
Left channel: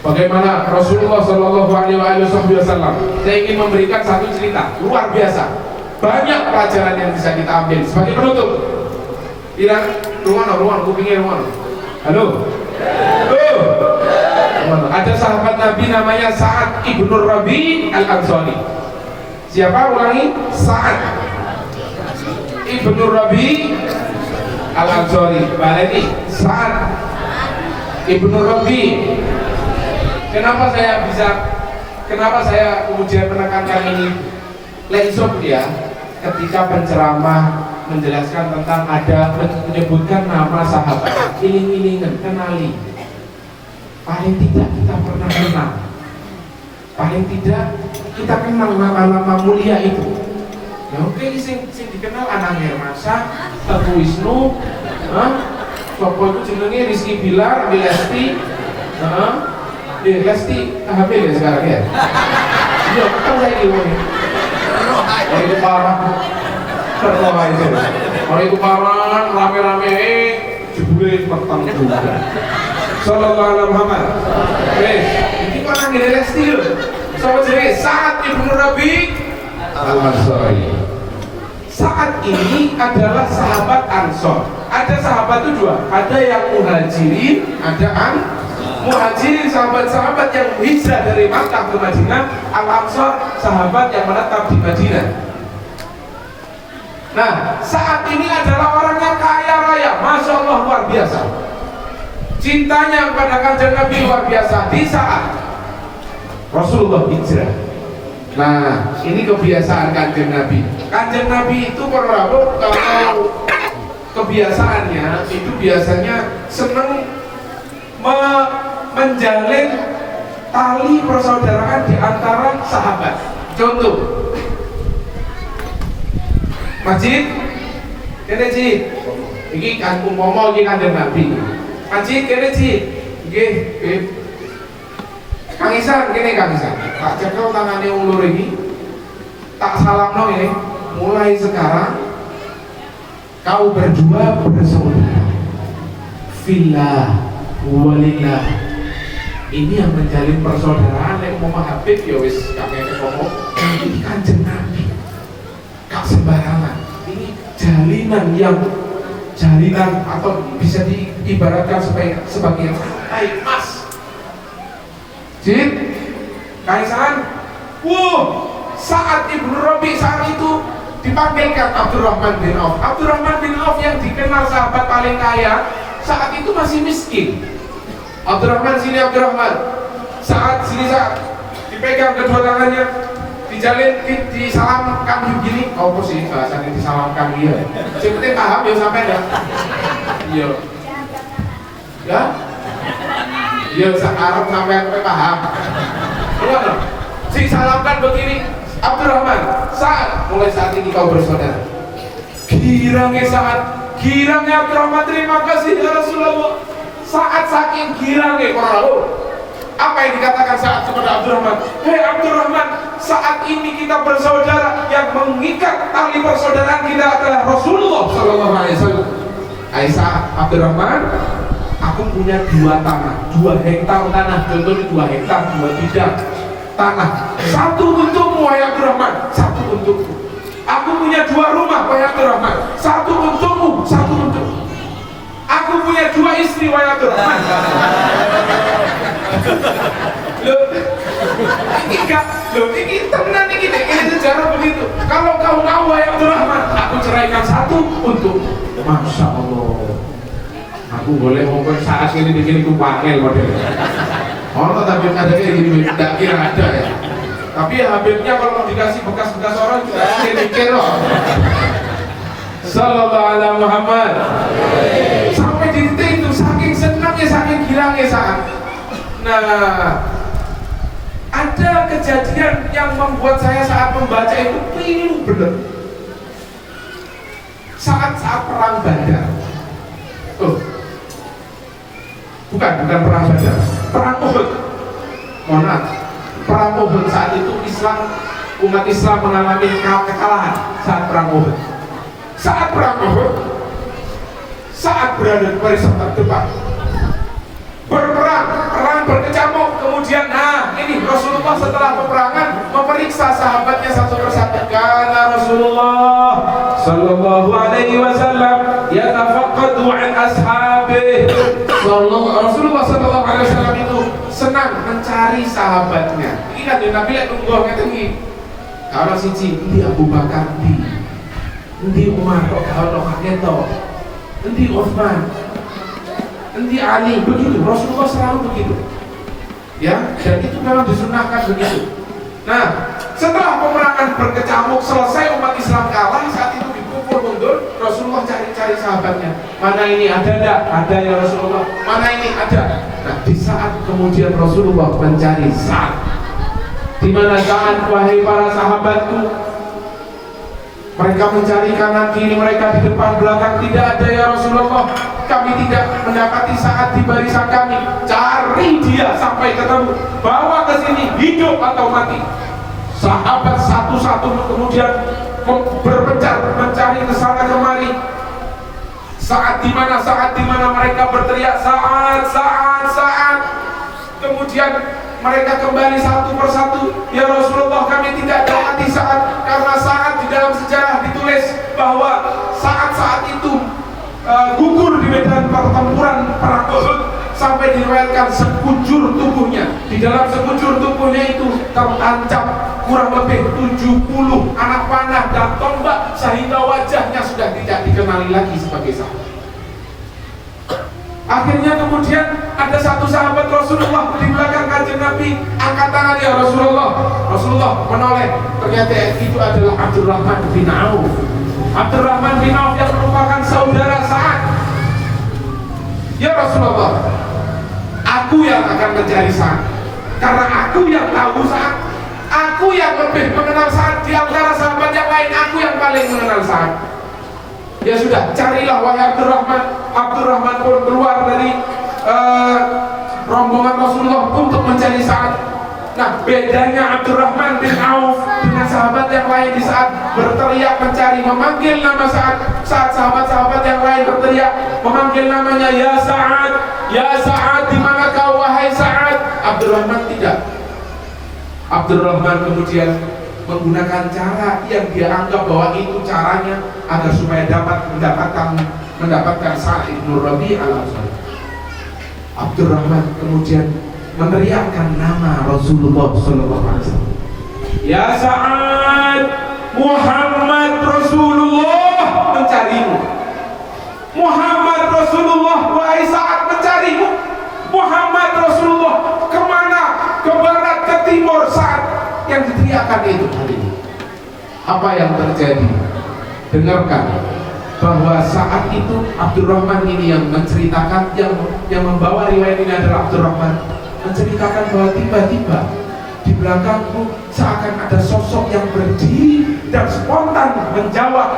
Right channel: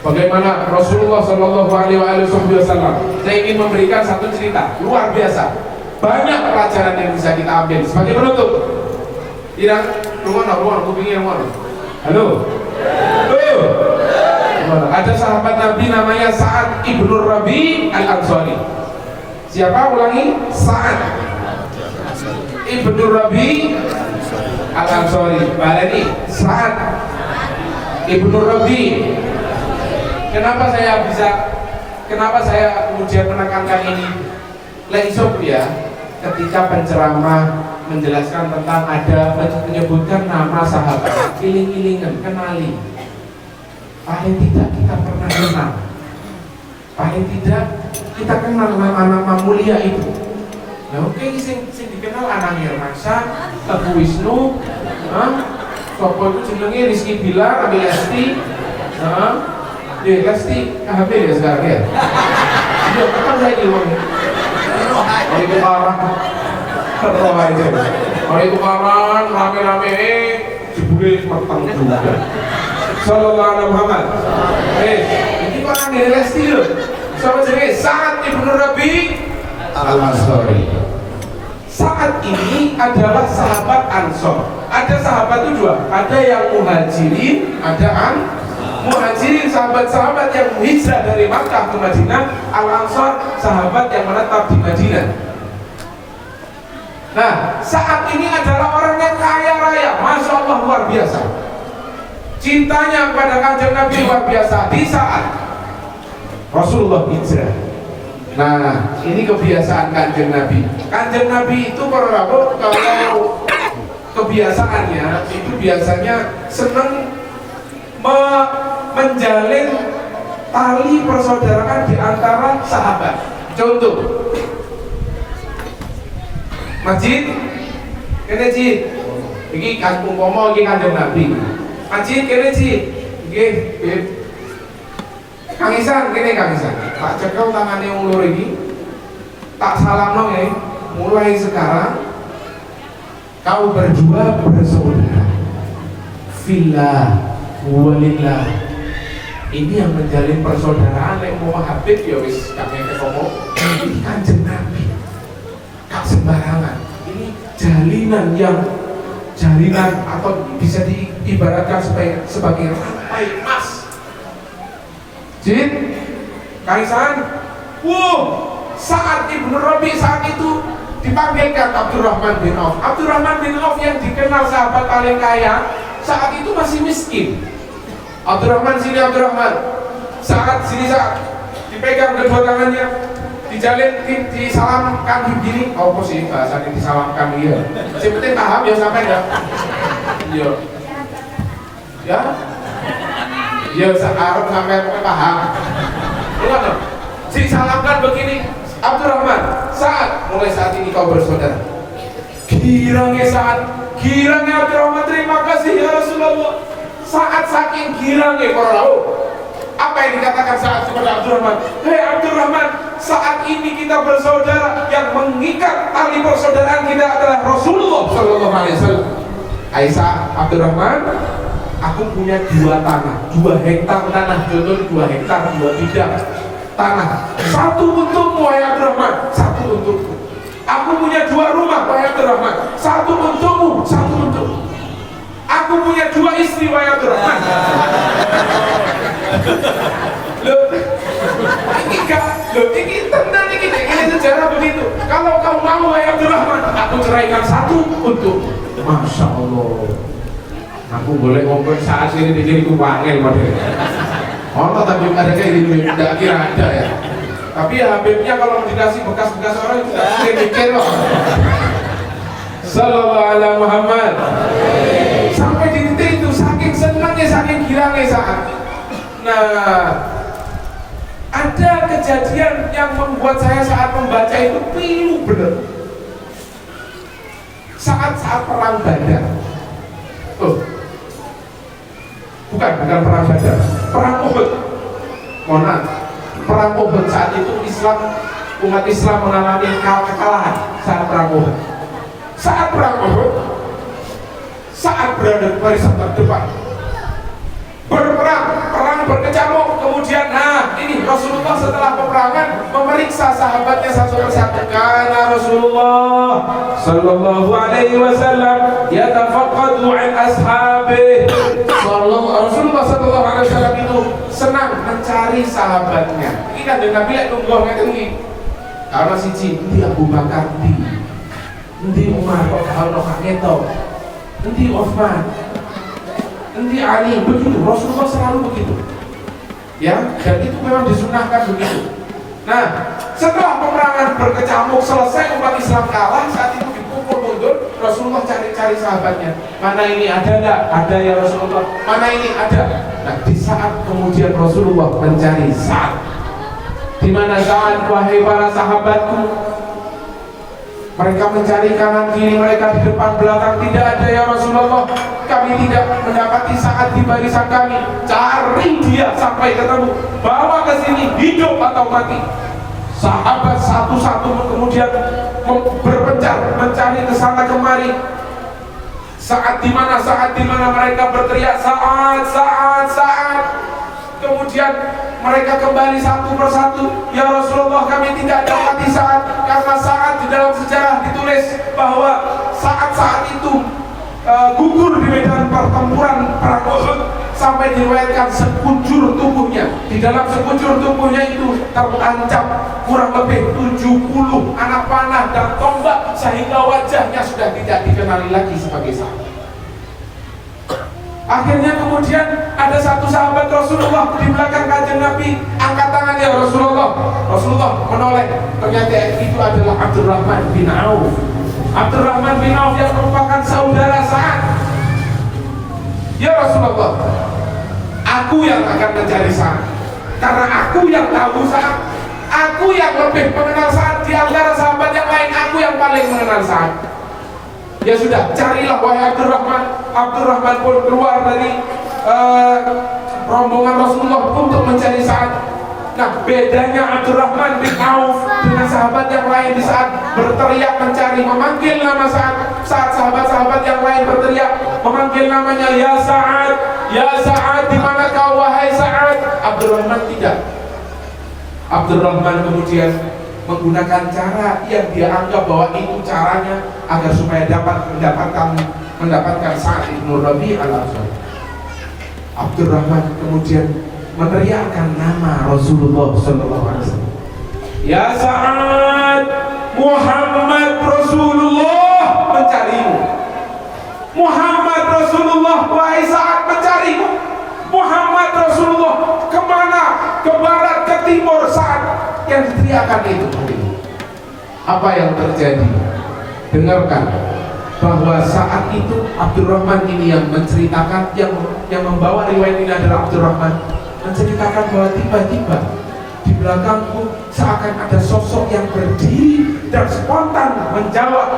bagaimana Rasulullah Shallallahu Alaihi Wasallam. Saya ingin memberikan satu cerita luar biasa. Banyak pelajaran yang bisa kita ambil. Sebagai penutup, tidak ruang, kupingnya ruang. Halo. Ada sahabat Nabi namanya Sa'ad ibnu Rabi al-Ansari. Siapa? Ulangi. Sa'ad ibnu Rabi al-Ansari. Baleni. Sa'ad ibnu Rabi. Kenapa saya kemudian menekankan ini? Laisop ya, ketika penceramah menjelaskan tentang menyebutkan nama sahabat, iling-ilingan, kenali. Paling tidak kita pernah kenal. Paling tidak kita kenal nama-nama mulia itu. Ya oke, sing dikenal Anang Hermansyah, Teguh Wisnu, sopo itu jenenge Rizky Bilar, Abi Lesti, Lesti hamil ya sekarang ya. Iya, kan saya ilmunya. Orang itu parah. Orang itu parah, rame-rame, jebule matang juga. Sallallahu alaihi Muhammad. Ini kok nang ngene Lesti lho. Sapa jenenge? Sa'ad ibnu Rabi al-Ansari. Sa'ad ini adalah sahabat Ansor. Ada sahabat itu dua, ada yang muhajirin, ada muhajirin, sahabat-sahabat yang hijrah dari Makkah ke Madinah. Al-Ansor, sahabat yang menetap di Madinah. Nah, saat ini adalah orang yang kaya raya, Masya Allah, luar biasa. Cintanya kepada Kanjeng Nabi luar biasa di saat Rasulullah hijrah. Nah, ini kebiasaan Kanjeng Nabi. Kanjeng Nabi itu kalau kebiasaannya itu biasanya senang menjalin tali persaudaraan di antara sahabat. Contoh, masjid, kene Cid, iki kan umpama iki Kanjeng Nabi. Masjid kene Cid, nggih, Beb. Kang Isan kene Kang Isan. Tak cekel tangane wong loro iki. Tak salamno ya. Mulai sekarang kau berdua bersaudara. Fillah walillah. Ini yang menjalin persaudaraan lek mau Habib ya wis kakek ngomong. Ini Kanjeng Nabi. Gak sembarangan. Ini jalinan atau bisa diibaratkan sebagai rantai emas. Jin, Kaisan, saat Ibnu Rabi saat itu dipanggilkan Abdurrahman bin Auf. Abdurrahman bin Auf yang dikenal sahabat paling kaya saat itu masih miskin. Abdurrahman saat dipegang kedua tangannya, dijalin, disalamkan begini. Kau sih bahasanya disalamkan dia. Yang penting paham ya sampai enggak? Iya. Ya? Iya, Arab sampai paham. Enggak. Disalamkan begini. Abdurrahman, mulai saat ini kau bersaudara. Girangnya Abdurrahman, terima kasih ya Rasulullah. Saat saking girangnya para rawuh. Apa yang dikatakan saat kepada Abdurrahman? Hei Abdurrahman, saat ini kita bersaudara. Yang mengikat tali persaudaraan kita adalah Rasulullah Sallallahu Alaihi Wasallam. Aisyah, Abdurrahman, aku punya 2 tanah, 2 hektar tanah. Contohnya 2 hektar, 2 bidang tanah. 1 untukmu wahai Abdurrahman, 1 untukku. Aku punya 2 rumah wahai Abdurrahman, 1 untukmu, 1 untukku. Aku punya 2 istri wahai Abdurrahman. Loh, ini tenang ini sejarah begitu. Kalau kau ceraikan satu untuk Masya Allah. Aku boleh ngomong saat ini dikini ku panggil model. Ono tapi ada kayak gini, tidak kira ada ya. Tapi ya Habibnya kalau dikasih bekas-bekas orang juga mikir loh. Sallallahu alaihi Muhammad. Sampai di titik itu saking senangnya, saking girangnya saat. Nah, ada kejadian yang membuat saya saat membaca itu pilu bener. Saat perang Badar. Oh, bukan perang Badar, perang Uhud. Mohon perang Uhud saat itu umat Islam mengalami kekalahan saat perang Uhud. Saat perang Uhud, saat berada di barisan terdepan, perang berkecamuk. Kemudian, ini Rasulullah setelah peperangan memeriksa sahabatnya satu persatu. Karena Rasulullah Sallallahu Alaihi Wasallam yatafaqqadu an ashabih. Rasulullah Sallallahu Alaihi Wasallam itu senang mencari sahabatnya. Ini kan Nabi lihat nunggu ngeten iki. Kalau siji di Abu Bakar di Umar kok gak ono kaketo. Di Utsman, di Ali, begitu. Rasulullah selalu begitu. Ya, dan itu memang disunahkan begitu. Nah, setelah peperangan berkecamuk selesai, umat Islam kalah, saat itu dipukul mundur, Rasulullah cari-cari sahabatnya. Mana ini ada enggak? Ada ya Rasulullah. Mana ini ada? Nah, di saat kemudian Rasulullah mencari Sa'ad. Di mana Sa'ad, wahai para sahabatku? Mereka mencari kanan kiri, mereka di depan belakang, tidak ada ya Rasulullah. Kami tidak mendapati Sa'ad di barisan kami. Cari dia sampai ketemu, bawa ke sini, hidup atau mati. Sahabat satu-satu kemudian berpencar mencari ke sana kemari. Saat di mana mereka berteriak Sa'ad, Sa'ad, Sa'ad. Kemudian mereka kembali satu persatu. Ya Rasulullah, kami tidak dapati Sa'ad. Karena Sa'ad di dalam sejarah ditulis bahwa saat itu gugur di medan pertempuran perang Uhud, sampai diriwayatkan sekujur tubuhnya. Di dalam sekujur tubuhnya itu terancam kurang lebih 70 anak panah dan tombak, sehingga wajahnya sudah tidak dikenali lagi sebagai sahabat. Akhirnya kemudian ada satu sahabat Rasulullah di belakang kanjeng Nabi, angkat tangan ya Rasulullah. Rasulullah menoleh, ternyata itu adalah Abdurrahman bin Auf. Abdurrahman bin Auf yang merupakan saudara Sa'ad. Ya Rasulullah, aku yang akan mencari Sa'ad, karena aku yang tahu Sa'ad, aku yang lebih mengenal Sa'ad di antara sahabat yang lain. Aku yang paling mengenal Sa'ad. Ya sudah, carilah wahai Abdurrahman. Abdurrahman pun keluar dari rombongan Rasulullah untuk mencari Sa'ad. Nah, bedanya Abdurrahman bin Auf dengan sahabat yang lain di saat berteriak mencari, memanggil nama Sa'ad. Saat sahabat-sahabat yang lain berteriak memanggil namanya, ya Sa'ad, ya Sa'ad, di mana kau wahai Sa'ad? Abdurrahman tidak. Abdurrahman kemudian menggunakan cara yang dia anggap bahwa itu caranya agar supaya dapat mendapatkan Sa'ad ibn Rabi' al-Ansari. Abdurrahman kemudian meneriakkan nama Rasulullah sallallahu alaihi wasallam. Ya Sa'ad, Muhammad Rasulullah mencarimu. Muhammad Rasulullah, wahai Sa'ad, mencarimu. Muhammad Rasulullah kemana? Ke barat, ke timur. Sa'ad yang diteriakan itu tadi. Apa yang terjadi? Dengarkan bahwa saat itu Abdurrahman ini yang menceritakan, yang membawa riwayat ini adalah Abdurrahman, menceritakan bahwa tiba-tiba di belakangku seakan ada sosok yang berdiri dan spontan menjawab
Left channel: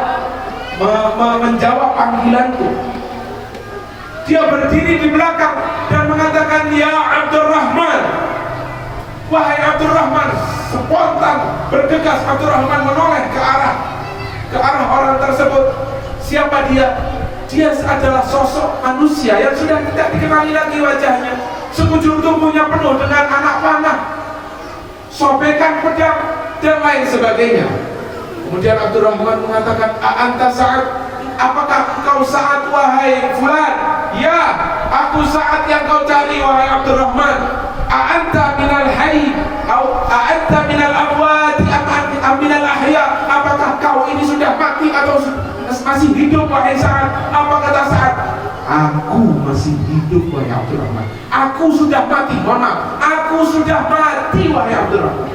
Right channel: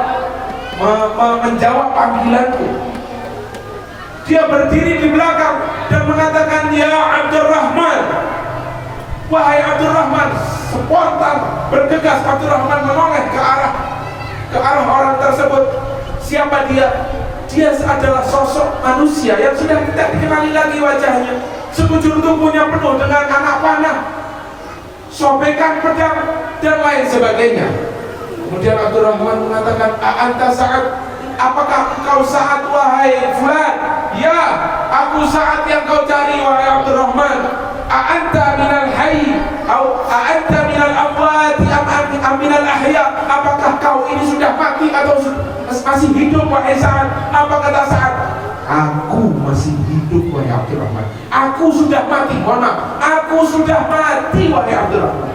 panggilanku. Dia berdiri di belakang dan mengatakan, ya Abdurrahman, wahai Abdurrahman. Spontan bergegas Abdurrahman menoleh ke arah orang tersebut. Siapa dia? Dia adalah sosok manusia yang sudah tidak dikenali lagi wajahnya. Sekujur tubuhnya penuh dengan anak panah, sobekan pedang dan lain sebagainya. Kemudian Abdurrahman mengatakan, anta Sa'ad? Apakah engkau Sa'ad wahai fulan? Ya, aku Sa'ad yang kau cari wahai Abdurrahman. Anta minal hayy atau anta minal amwat am minal ahya? Apakah kau ini sudah mati atau masih hidup wahai Sa'ad. Apa kata Sa'ad? Aku masih hidup wahai Abdurrahman. Aku sudah mati. Mohon maaf, aku sudah mati wahai Abdurrahman.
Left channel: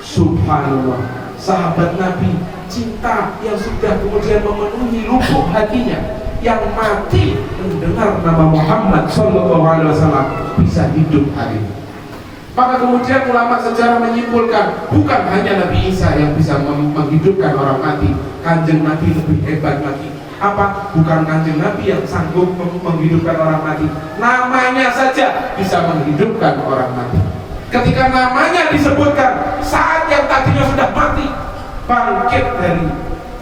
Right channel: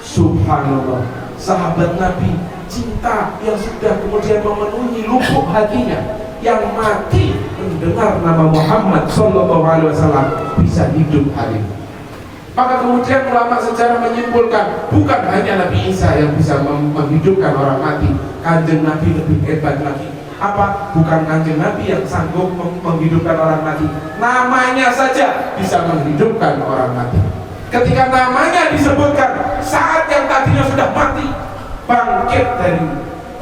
Subhanallah, sahabat Nabi, cinta yang sudah kemudian memenuhi lubuk hatinya, yang mati mendengar nama Muhammad sallallahu alaihi wasallam bisa hidup hari ini. Maka kemudian ulama sejarah menyimpulkan, bukan hanya Nabi Isa yang bisa menghidupkan orang mati, Kanjeng Nabi lebih hebat lagi. Apa? Bukan Kanjeng Nabi yang sanggup menghidupkan orang mati, namanya saja bisa menghidupkan orang mati. Ketika namanya disebutkan, saat yang tadinya sudah mati bangkit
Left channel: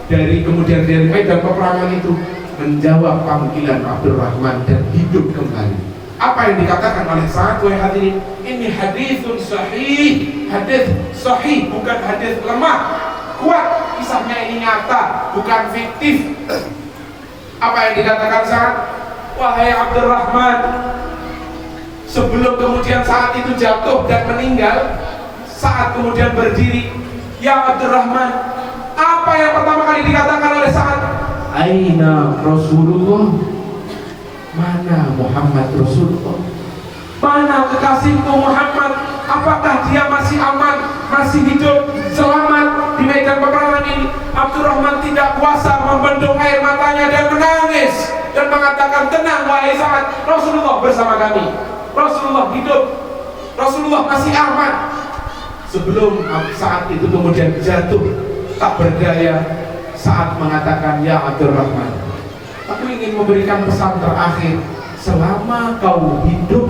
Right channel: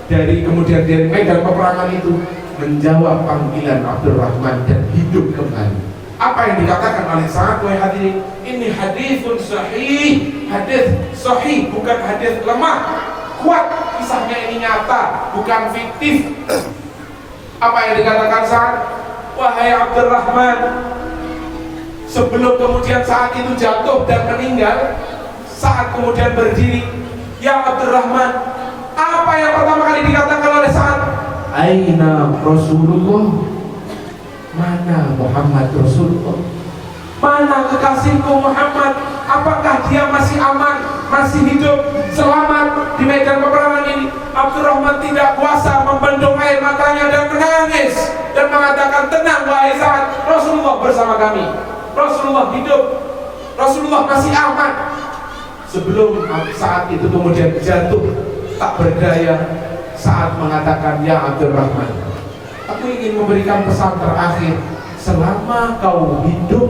dari kemudian dari medan peperangan itu, menjawab panggilan Abdurrahman dan hidup kembali. Apa yang dikatakan oleh Sa'ad wahai hadirin? Ini haditsun sahih, hadits sahih, bukan hadits lemah, kuat. Kisahnya ini nyata, bukan fiktif. Apa yang dikatakan Sa'ad? Wahai Abdurrahman, sebelum kemudian saat itu jatuh dan meninggal, saat kemudian berdiri, ya Abdurrahman, apa yang pertama kali dikatakan oleh Sa'ad? Aina Rasulullah? Mana Muhammad Rasulullah? Mana kekasihku Muhammad? Apakah dia masih aman, masih hidup, selamat di medan peperangan ini? Abdurrahman tidak kuasa membendung air matanya dan menangis dan mengatakan, tenang wahai Sa'ad, Rasulullah bersama kami, Rasulullah hidup, Rasulullah masih aman. Sebelum saat itu kemudian jatuh tak berdaya, Sa'ad mengatakan, ya Abdurrahman, aku ingin memberikan pesan terakhir. Selama kau hidup,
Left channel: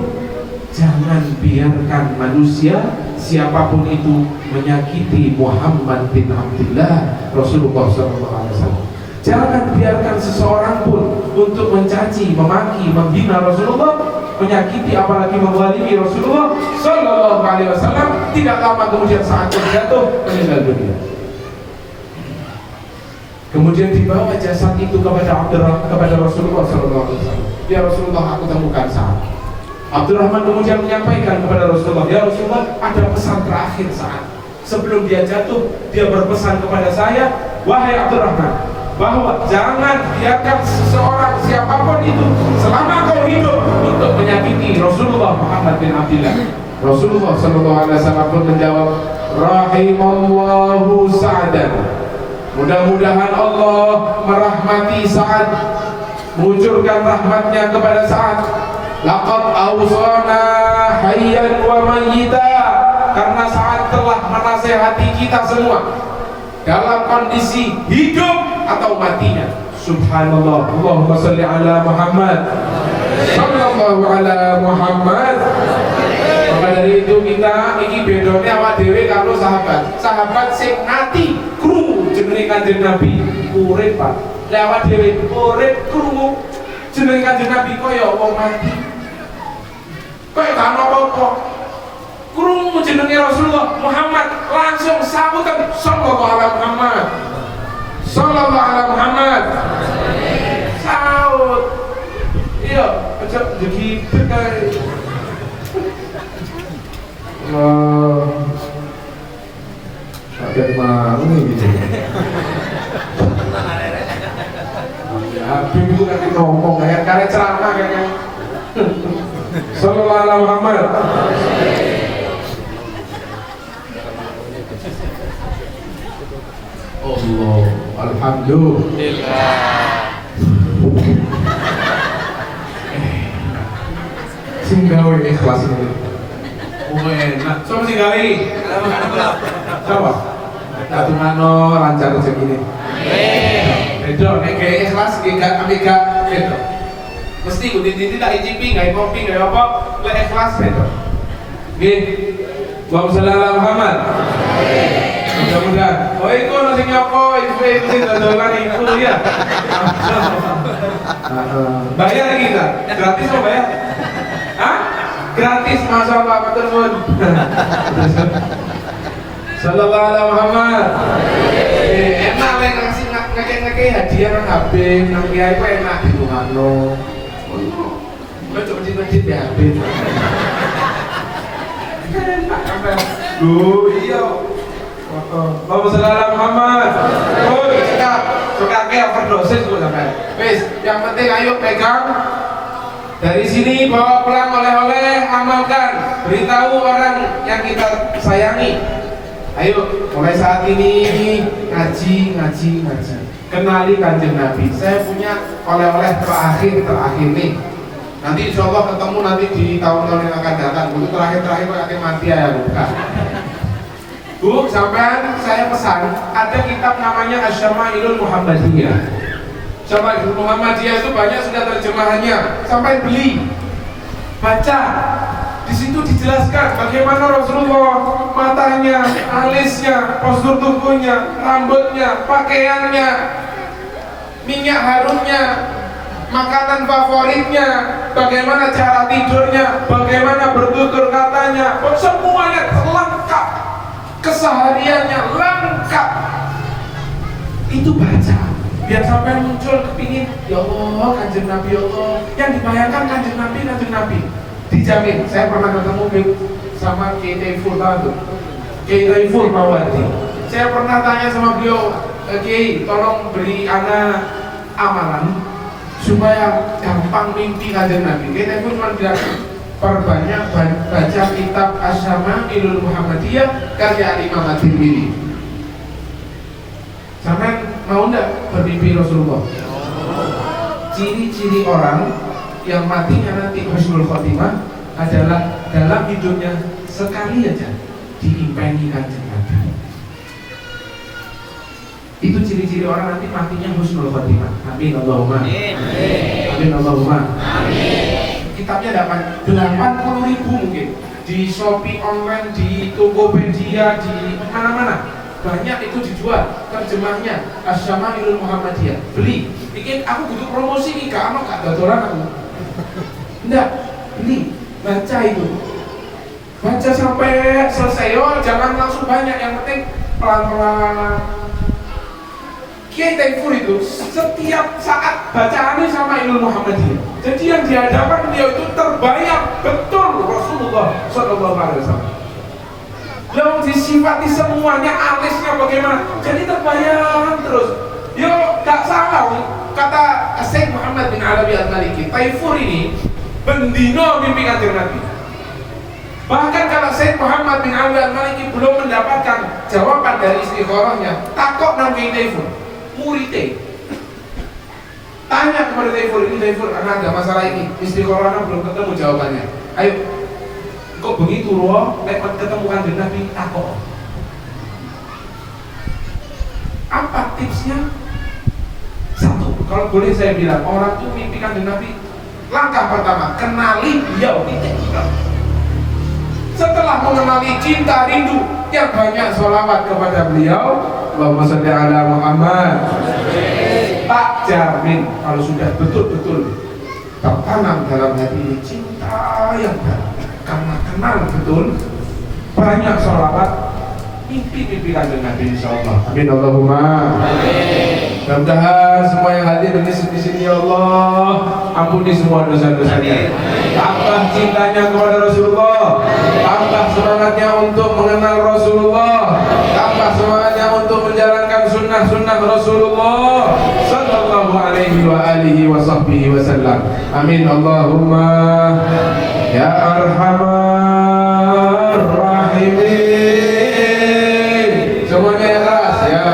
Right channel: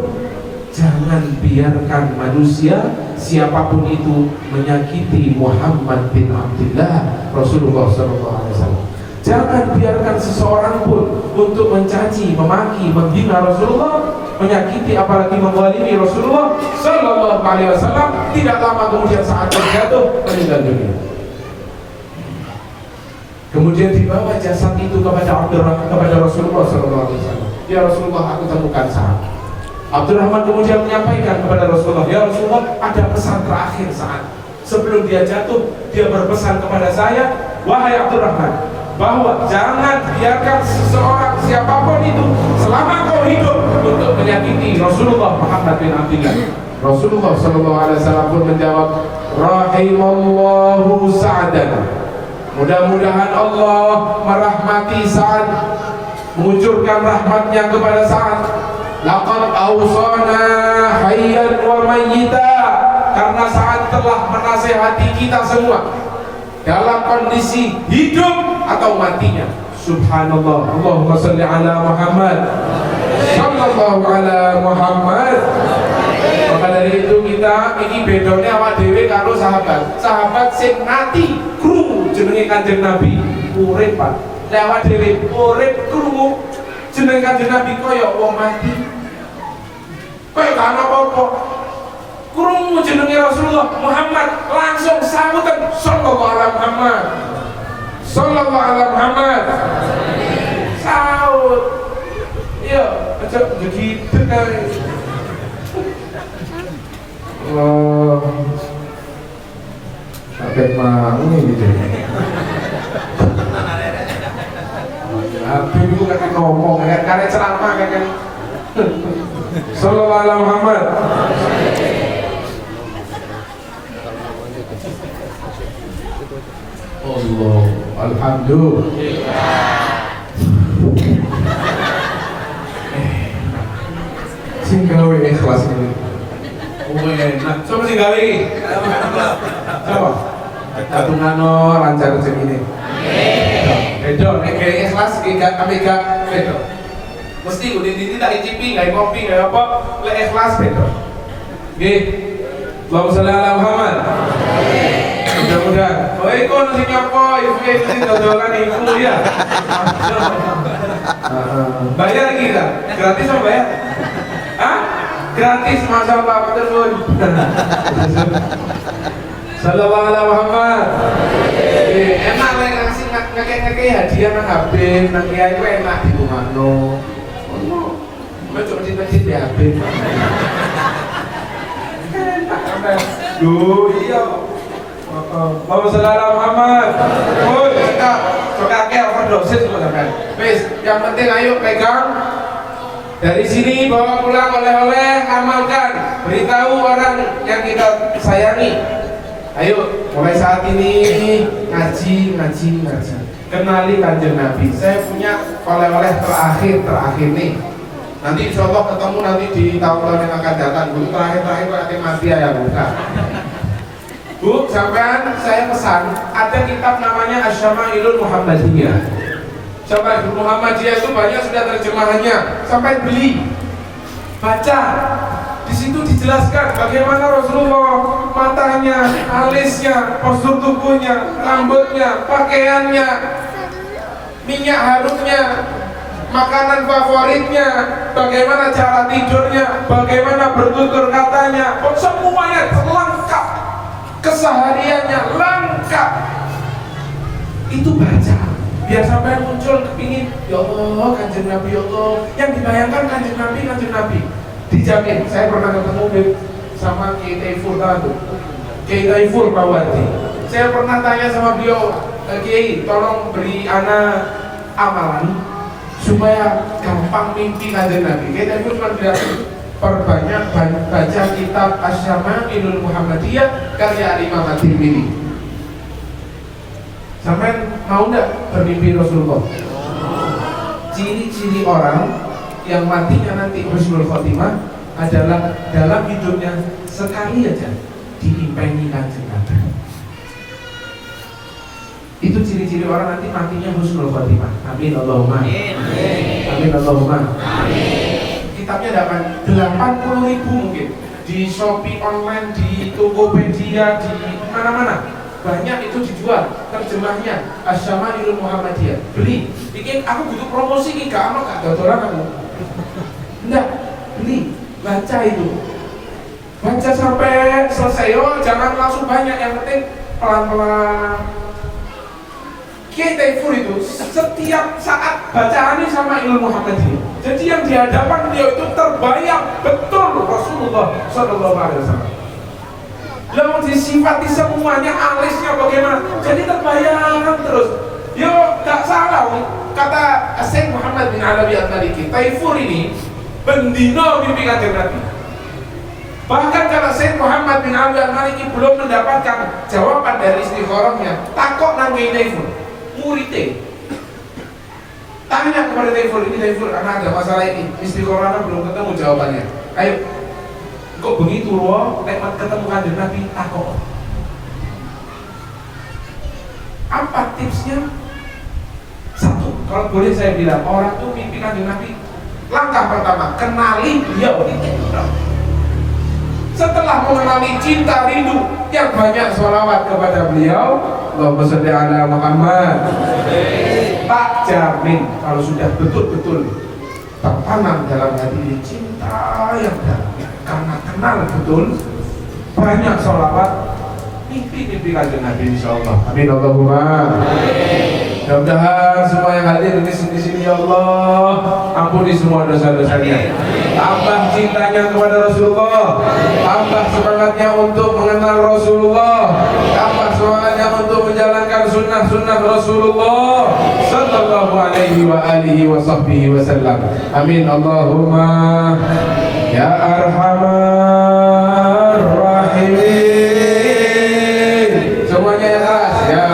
jangan biarkan manusia siapapun itu menyakiti Muhammad bin Abdullah Rasulullah SAW. Jangan biarkan seseorang pun untuk mencaci, memaki, menghina Rasulullah, menyakiti apalagi menzalimi Rasulullah SAW. Tidak lama kemudian saat terjatuh meninggal dunia. Kemudian dibawa jasad itu kepada Rasulullah SAW. Ya Rasulullah, aku temukan Sa'ad. Abdurrahman kemudian menyampaikan kepada Rasulullah, ya Rasulullah, ada pesan terakhir Sa'ad. Sebelum dia jatuh, dia berpesan kepada saya, wahai Abdurrahman, bahwa jangan biarkan seseorang siapapun itu selama kau hidup untuk menyakiti Rasulullah Muhammad bin Abdullah. Rasulullah SAW pun menjawab, rahimallahu Sa'adan. Mudah-mudahan Allah merahmati Sa'ad, mengucurkan rahmatnya kepada Sa'ad. Laqad awsana hayyan wa mayyita, karena Sa'ad telah menasehati kita semua dalam kondisi hidup atau matinya. Subhanallah, Allahumma salli ala Muhammad, sallallahu ala Muhammad. Maka dari itu kita iki bedone awak dhewe karo sahabat. Sahabat sing nati krungu jenenge Kanjeng Nabi urip, Pak. Lah awak dhewe urip krungu jenenge Kanjeng Nabi kaya wong mati. Kaya gak ono apa-apa. Krungu jenenge Rasulullah Muhammad langsung saweten sallallahu alaihi Muhammad. Sallallahu alaihi Muhammad. Saut. Iya, aja begitu kae. Wah, sakit mau gitu. Habib itu kan ngomong, karena ceramah kan. Sallallahu alaihi Muhammad. Allah, alhamdulillah. Sing gawe ikhlas ini. Nah, coba sih gawe. Coba. Katungano lancar rezeki ini. Bedo, nek gawe ikhlas gak amega bedo. Mesti udin-udin tak icipi, gawe kopi, gawe apa, lek ikhlas bedo. Nggih. Allahumma shalli ala Muhammad. Mudah-mudahan. Oh, itu nasi nyopo, itu dodolan itu ya. Bayar lagi enggak? Gratis apa bayar? Hah? Gratis, masya Allah, betul. Sallallahu alaihi Muhammad. Enak lah ngasih ngekei hadiah nang Habib, nang kiai ku enak dibungano. Ono. Kok coba di Habib. Loh, iya. Allahumma shalli ala Muhammad. Oh, cekap. Cekap overdosis tuh kan. Wes, yang penting ayo pegang. Dari sini bawa pulang oleh-oleh, amalkan, beritahu orang yang kita sayangi. Ayo, mulai saat ini ngaji. Kenali Kanjeng Nabi. Saya punya oleh-oleh terakhir nih. Nanti insya Allah ketemu nanti di tahun-tahun yang akan datang. Bu, terakhir pakai mafia ya bukan. Bu, sampean saya pesan ada kitab namanya Asy-Syama'ilul Muhammadiyah. Syama'ilul Muhammadiyah itu banyak sudah terjemahannya. Sampai beli, baca. Di situ dijelaskan bagaimana Rasulullah, matanya, alisnya, postur tubuhnya, rambutnya, pakaiannya, minyak harumnya, makanan favoritnya, bagaimana cara tidurnya, bagaimana bertutur katanya, semuanya lengkap, kesehariannya lengkap. Itu baca, biar sampai muncul kepingin, ya Allah, Kanjeng Nabi, ya Allah, yang dibayangkan Kanjeng Nabi. Dijamin, saya pernah ketemu sama Kiai Taiful Mawardi. Saya pernah tanya sama beliau, Kiai, tolong beri ana amalan supaya gampang mimpi Kanjeng Nabi. Kiai Taiful cuma bilang, perbanyak baca kitab Asy-Syama'ilul Muhammadiyah karya Imam At-Tirmidzi. Sampai mau nggak bermimpi Rasulullah? Ciri-ciri orang yang matinya nanti husnul khotimah adalah dalam hidupnya sekali aja diimpengi Kanjeng Nabi. Itu ciri-ciri orang nanti matinya husnul khotimah. Amin Allahumma. Amin Allahumma. Amin. Kitabnya dapat 80.000 mungkin di Shopee online, di Tokopedia, di mana-mana. Banyak itu dijual terjemahnya Asy-Syama'ilul Muhammadiyah. Beli. Bikin aku butuh promosi nih, gak dodolan aku. Enggak, beli, baca itu. Baca sampai selesai, jangan langsung banyak, yang penting pelan-pelan. Kiai Taiful itu setiap saat bacaannya sama ilmu Muhammadiyah. Jadi yang di hadapan beliau itu terbayang betul Rasulullah SAW. Lalu disifati semuanya, alisnya bagaimana, jadi terbayang terus. Yo, gak salah kata Syekh Muhammad bin Arabi Al-Maliki, Taiful ini bendino mimpi Kanjeng Nabi. Bahkan kalau Syekh Muhammad bin Arabi Al-Maliki belum mendapatkan jawaban dari istikharahnya, takok nang Kiai Taiful, muridnya tanya kepada Taiful, ini Taiful, karena ada masalah ini, istikharahnya belum ketemu jawabannya. Ayo, kok begitu loh, lewat ketemu Kanjeng Nabi, takok. Apa tipsnya? Satu, kalau boleh saya bilang, orang tuh mimpi Kanjeng Nabi, langkah pertama, kenali beliau. Setelah mengenali cinta rindu, yang banyak sholawat kepada beliau. Allahumma sholli ala Muhammad. Tak jamin kalau sudah betul-betul tertanam dalam hati ini cinta yang dalam, karena kenal betul, banyak sholawat, mimpi Kanjeng Nabi insyaallah. Amin Allahumma. Mudah-mudahan semua yang hadir di sini ya Allah, ampuni semua dosa-dosanya. Tambah cintanya kepada Rasulullah, tambah semangatnya untuk mengenal Rasulullah, tambah semangatnya untuk menjalankan sunnah-sunnah Rasulullah sallallahu alaihi wa alihi wa sahbihi wasallam. Amin Allahumma ya arhamar rahimin. Semuanya yang keras, ya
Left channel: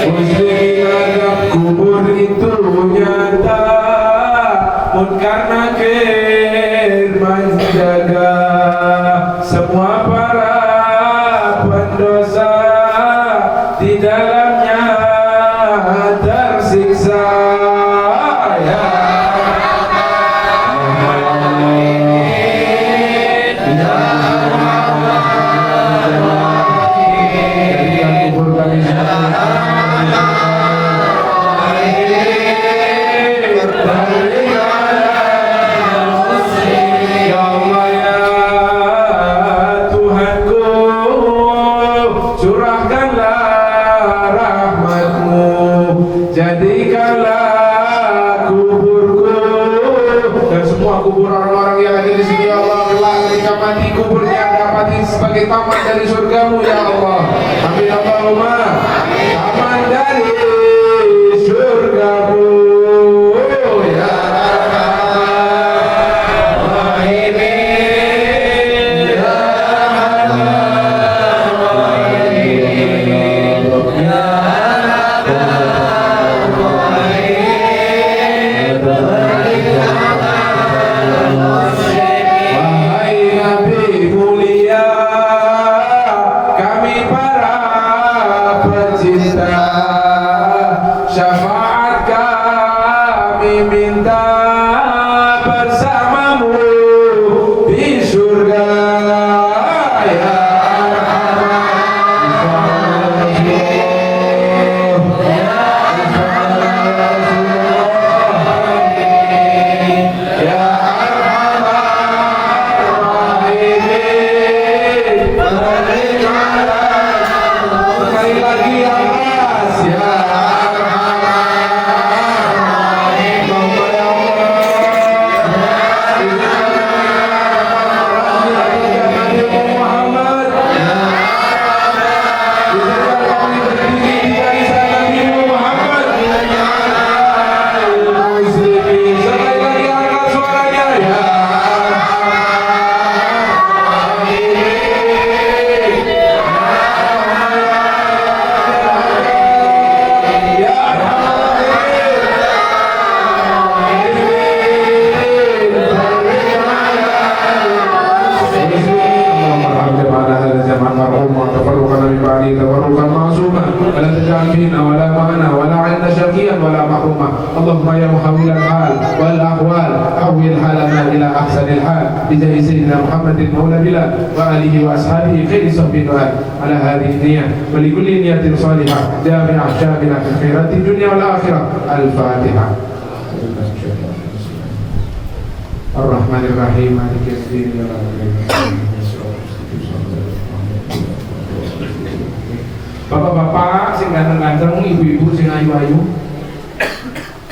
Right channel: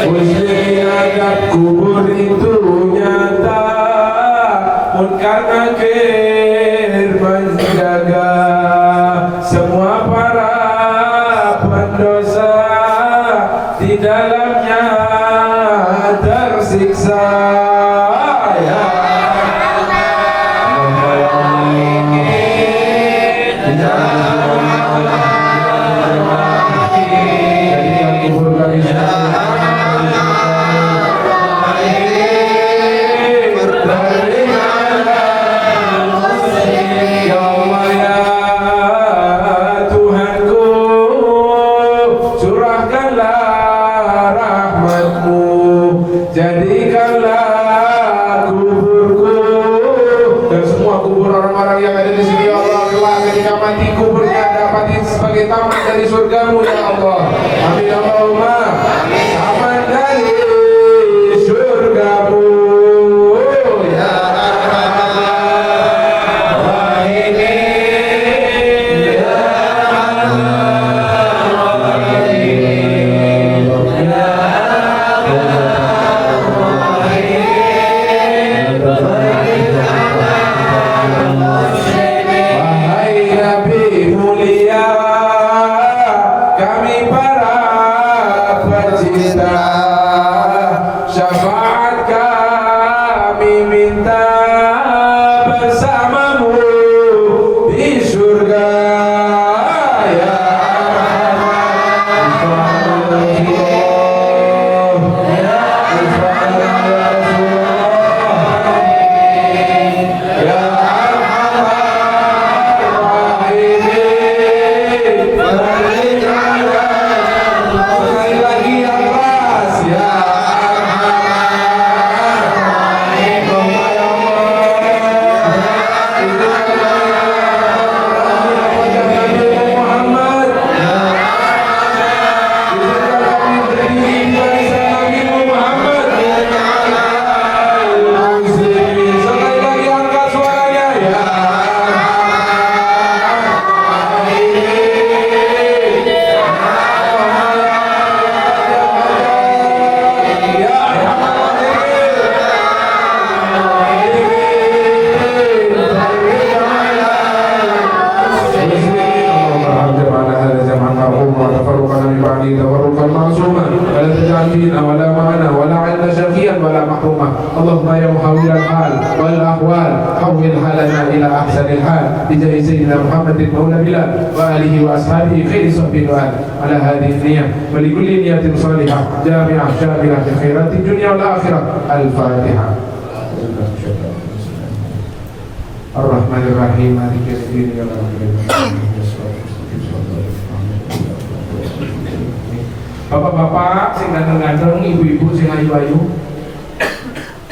Muslim adab kubur itu nyata, munkar nakir menjaga semua para pendosa di dalamnya tersiksa. Ya taman dari surgamu ya Allah. Amin Allahumma. Taman dari surgamu ya Rahimin ya syafaat kami minta bersamamu di surga ya اللهم يا محول الحال والأحوال حول حالنا إلى أحسن الحال بجاه سيدنا محمد مولى بلال وآله وأصحابه خير صحبه وآله على هذه النية ولكل نية صالحة جامعة شاملة في خيرات الدنيا والآخرة. الفاتحة. الرحمن الرحيم مالك يوم الدين. Bapak-bapak sing ganteng-ganteng, ibu-ibu sing ayu-ayu,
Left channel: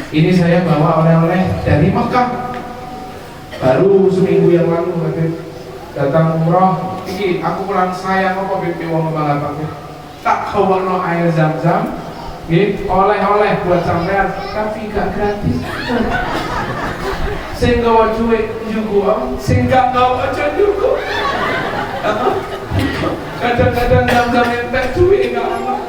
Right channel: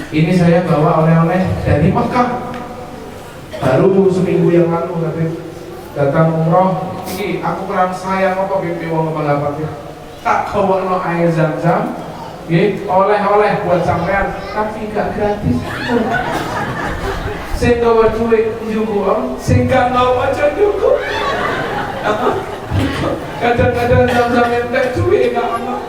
ini saya bawa oleh-oleh dari Mekah. Baru seminggu yang lalu katanya datang umroh. Iki aku kurang sayang apa pipi wong ngapa-ngapa. Tak bawa air Zam-Zam, nggih, oleh-oleh buat sampean, tapi gak gratis. Sing gawa duit njugo, sing gak gawa aja njugo. Kadang-kadang Zam-Zam entek duit gak ono.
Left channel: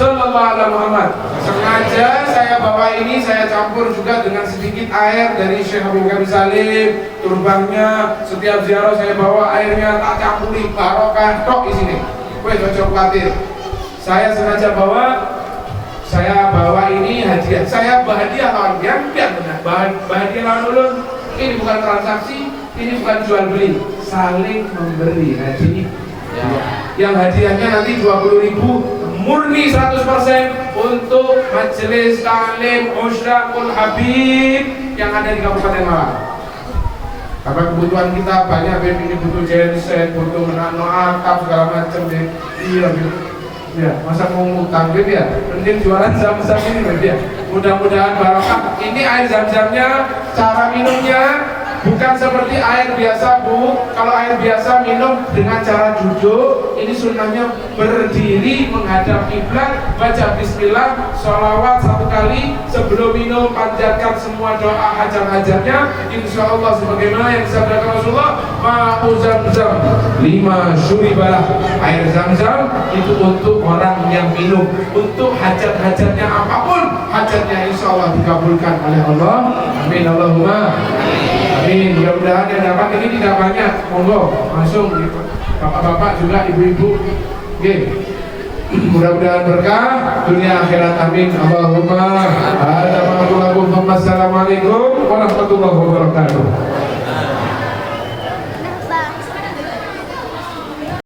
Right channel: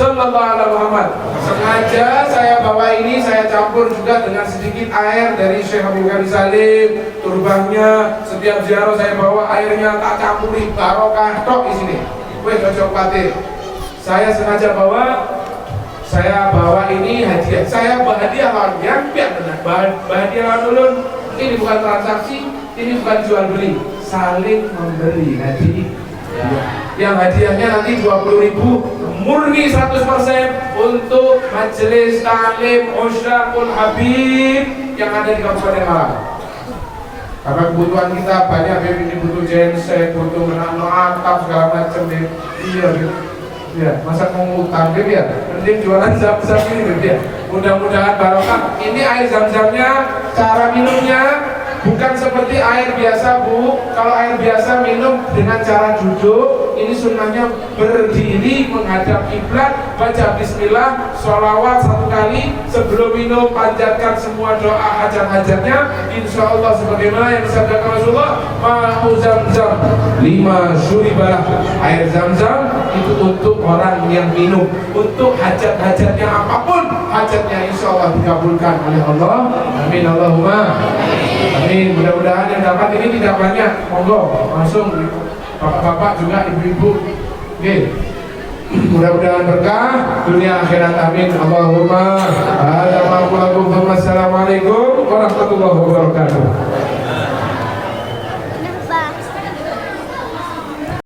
Sallallahu alaihi Muhammad. Sengaja saya bawa ini, saya campur juga dengan sedikit air dari Syekh Habib Karim Salim. Turbangnya setiap ziarah saya bawa airnya tak campuri, barokah tok di sini. Wes ojo kuatir. Saya sengaja bawa, saya bawa ini hadiah. Saya berhadiah lawan yang biar benar. Berhadiah lawan ulun. Ini bukan transaksi, ini bukan jual beli, saling memberi hadiah. Yang hadiahnya nanti 20.000 murni 100% untuk majelis taklim Usrakul Habib yang ada di Kabupaten Malang. Karena kebutuhan kita banyak, ini butuh genset, butuh menano atap segala macam deh. Iya, ya, masa mau ngutang deh ya. Mending jualan Zam-Zam ini ya. Mudah-mudahan barokah. Ini air Zam-Zamnya, cara minumnya bukan seperti air biasa Bu. Kalau air biasa minum dengan cara duduk, ini sunnahnya berdiri menghadap kiblat, baca bismillah, sholawat 1 kali sebelum minum, panjatkan semua doa hajat-hajatnya. Insya Allah sebagaimana yang disabdakan Rasulullah, ma'u zamzam lima syuribah, air zam-zam itu untuk orang yang minum, untuk hajat-hajatnya apapun hajatnya, insya Allah dikabulkan oleh Allah. Amin Allahumma amin. Mudah-mudahan yang dapat ini tidak banyak, monggo langsung bapak-bapak juga ibu-ibu. Oke, mudah-mudahan berkah dunia akhirat, amin Allahumma. Assalamualaikum warahmatullahi wabarakatuh.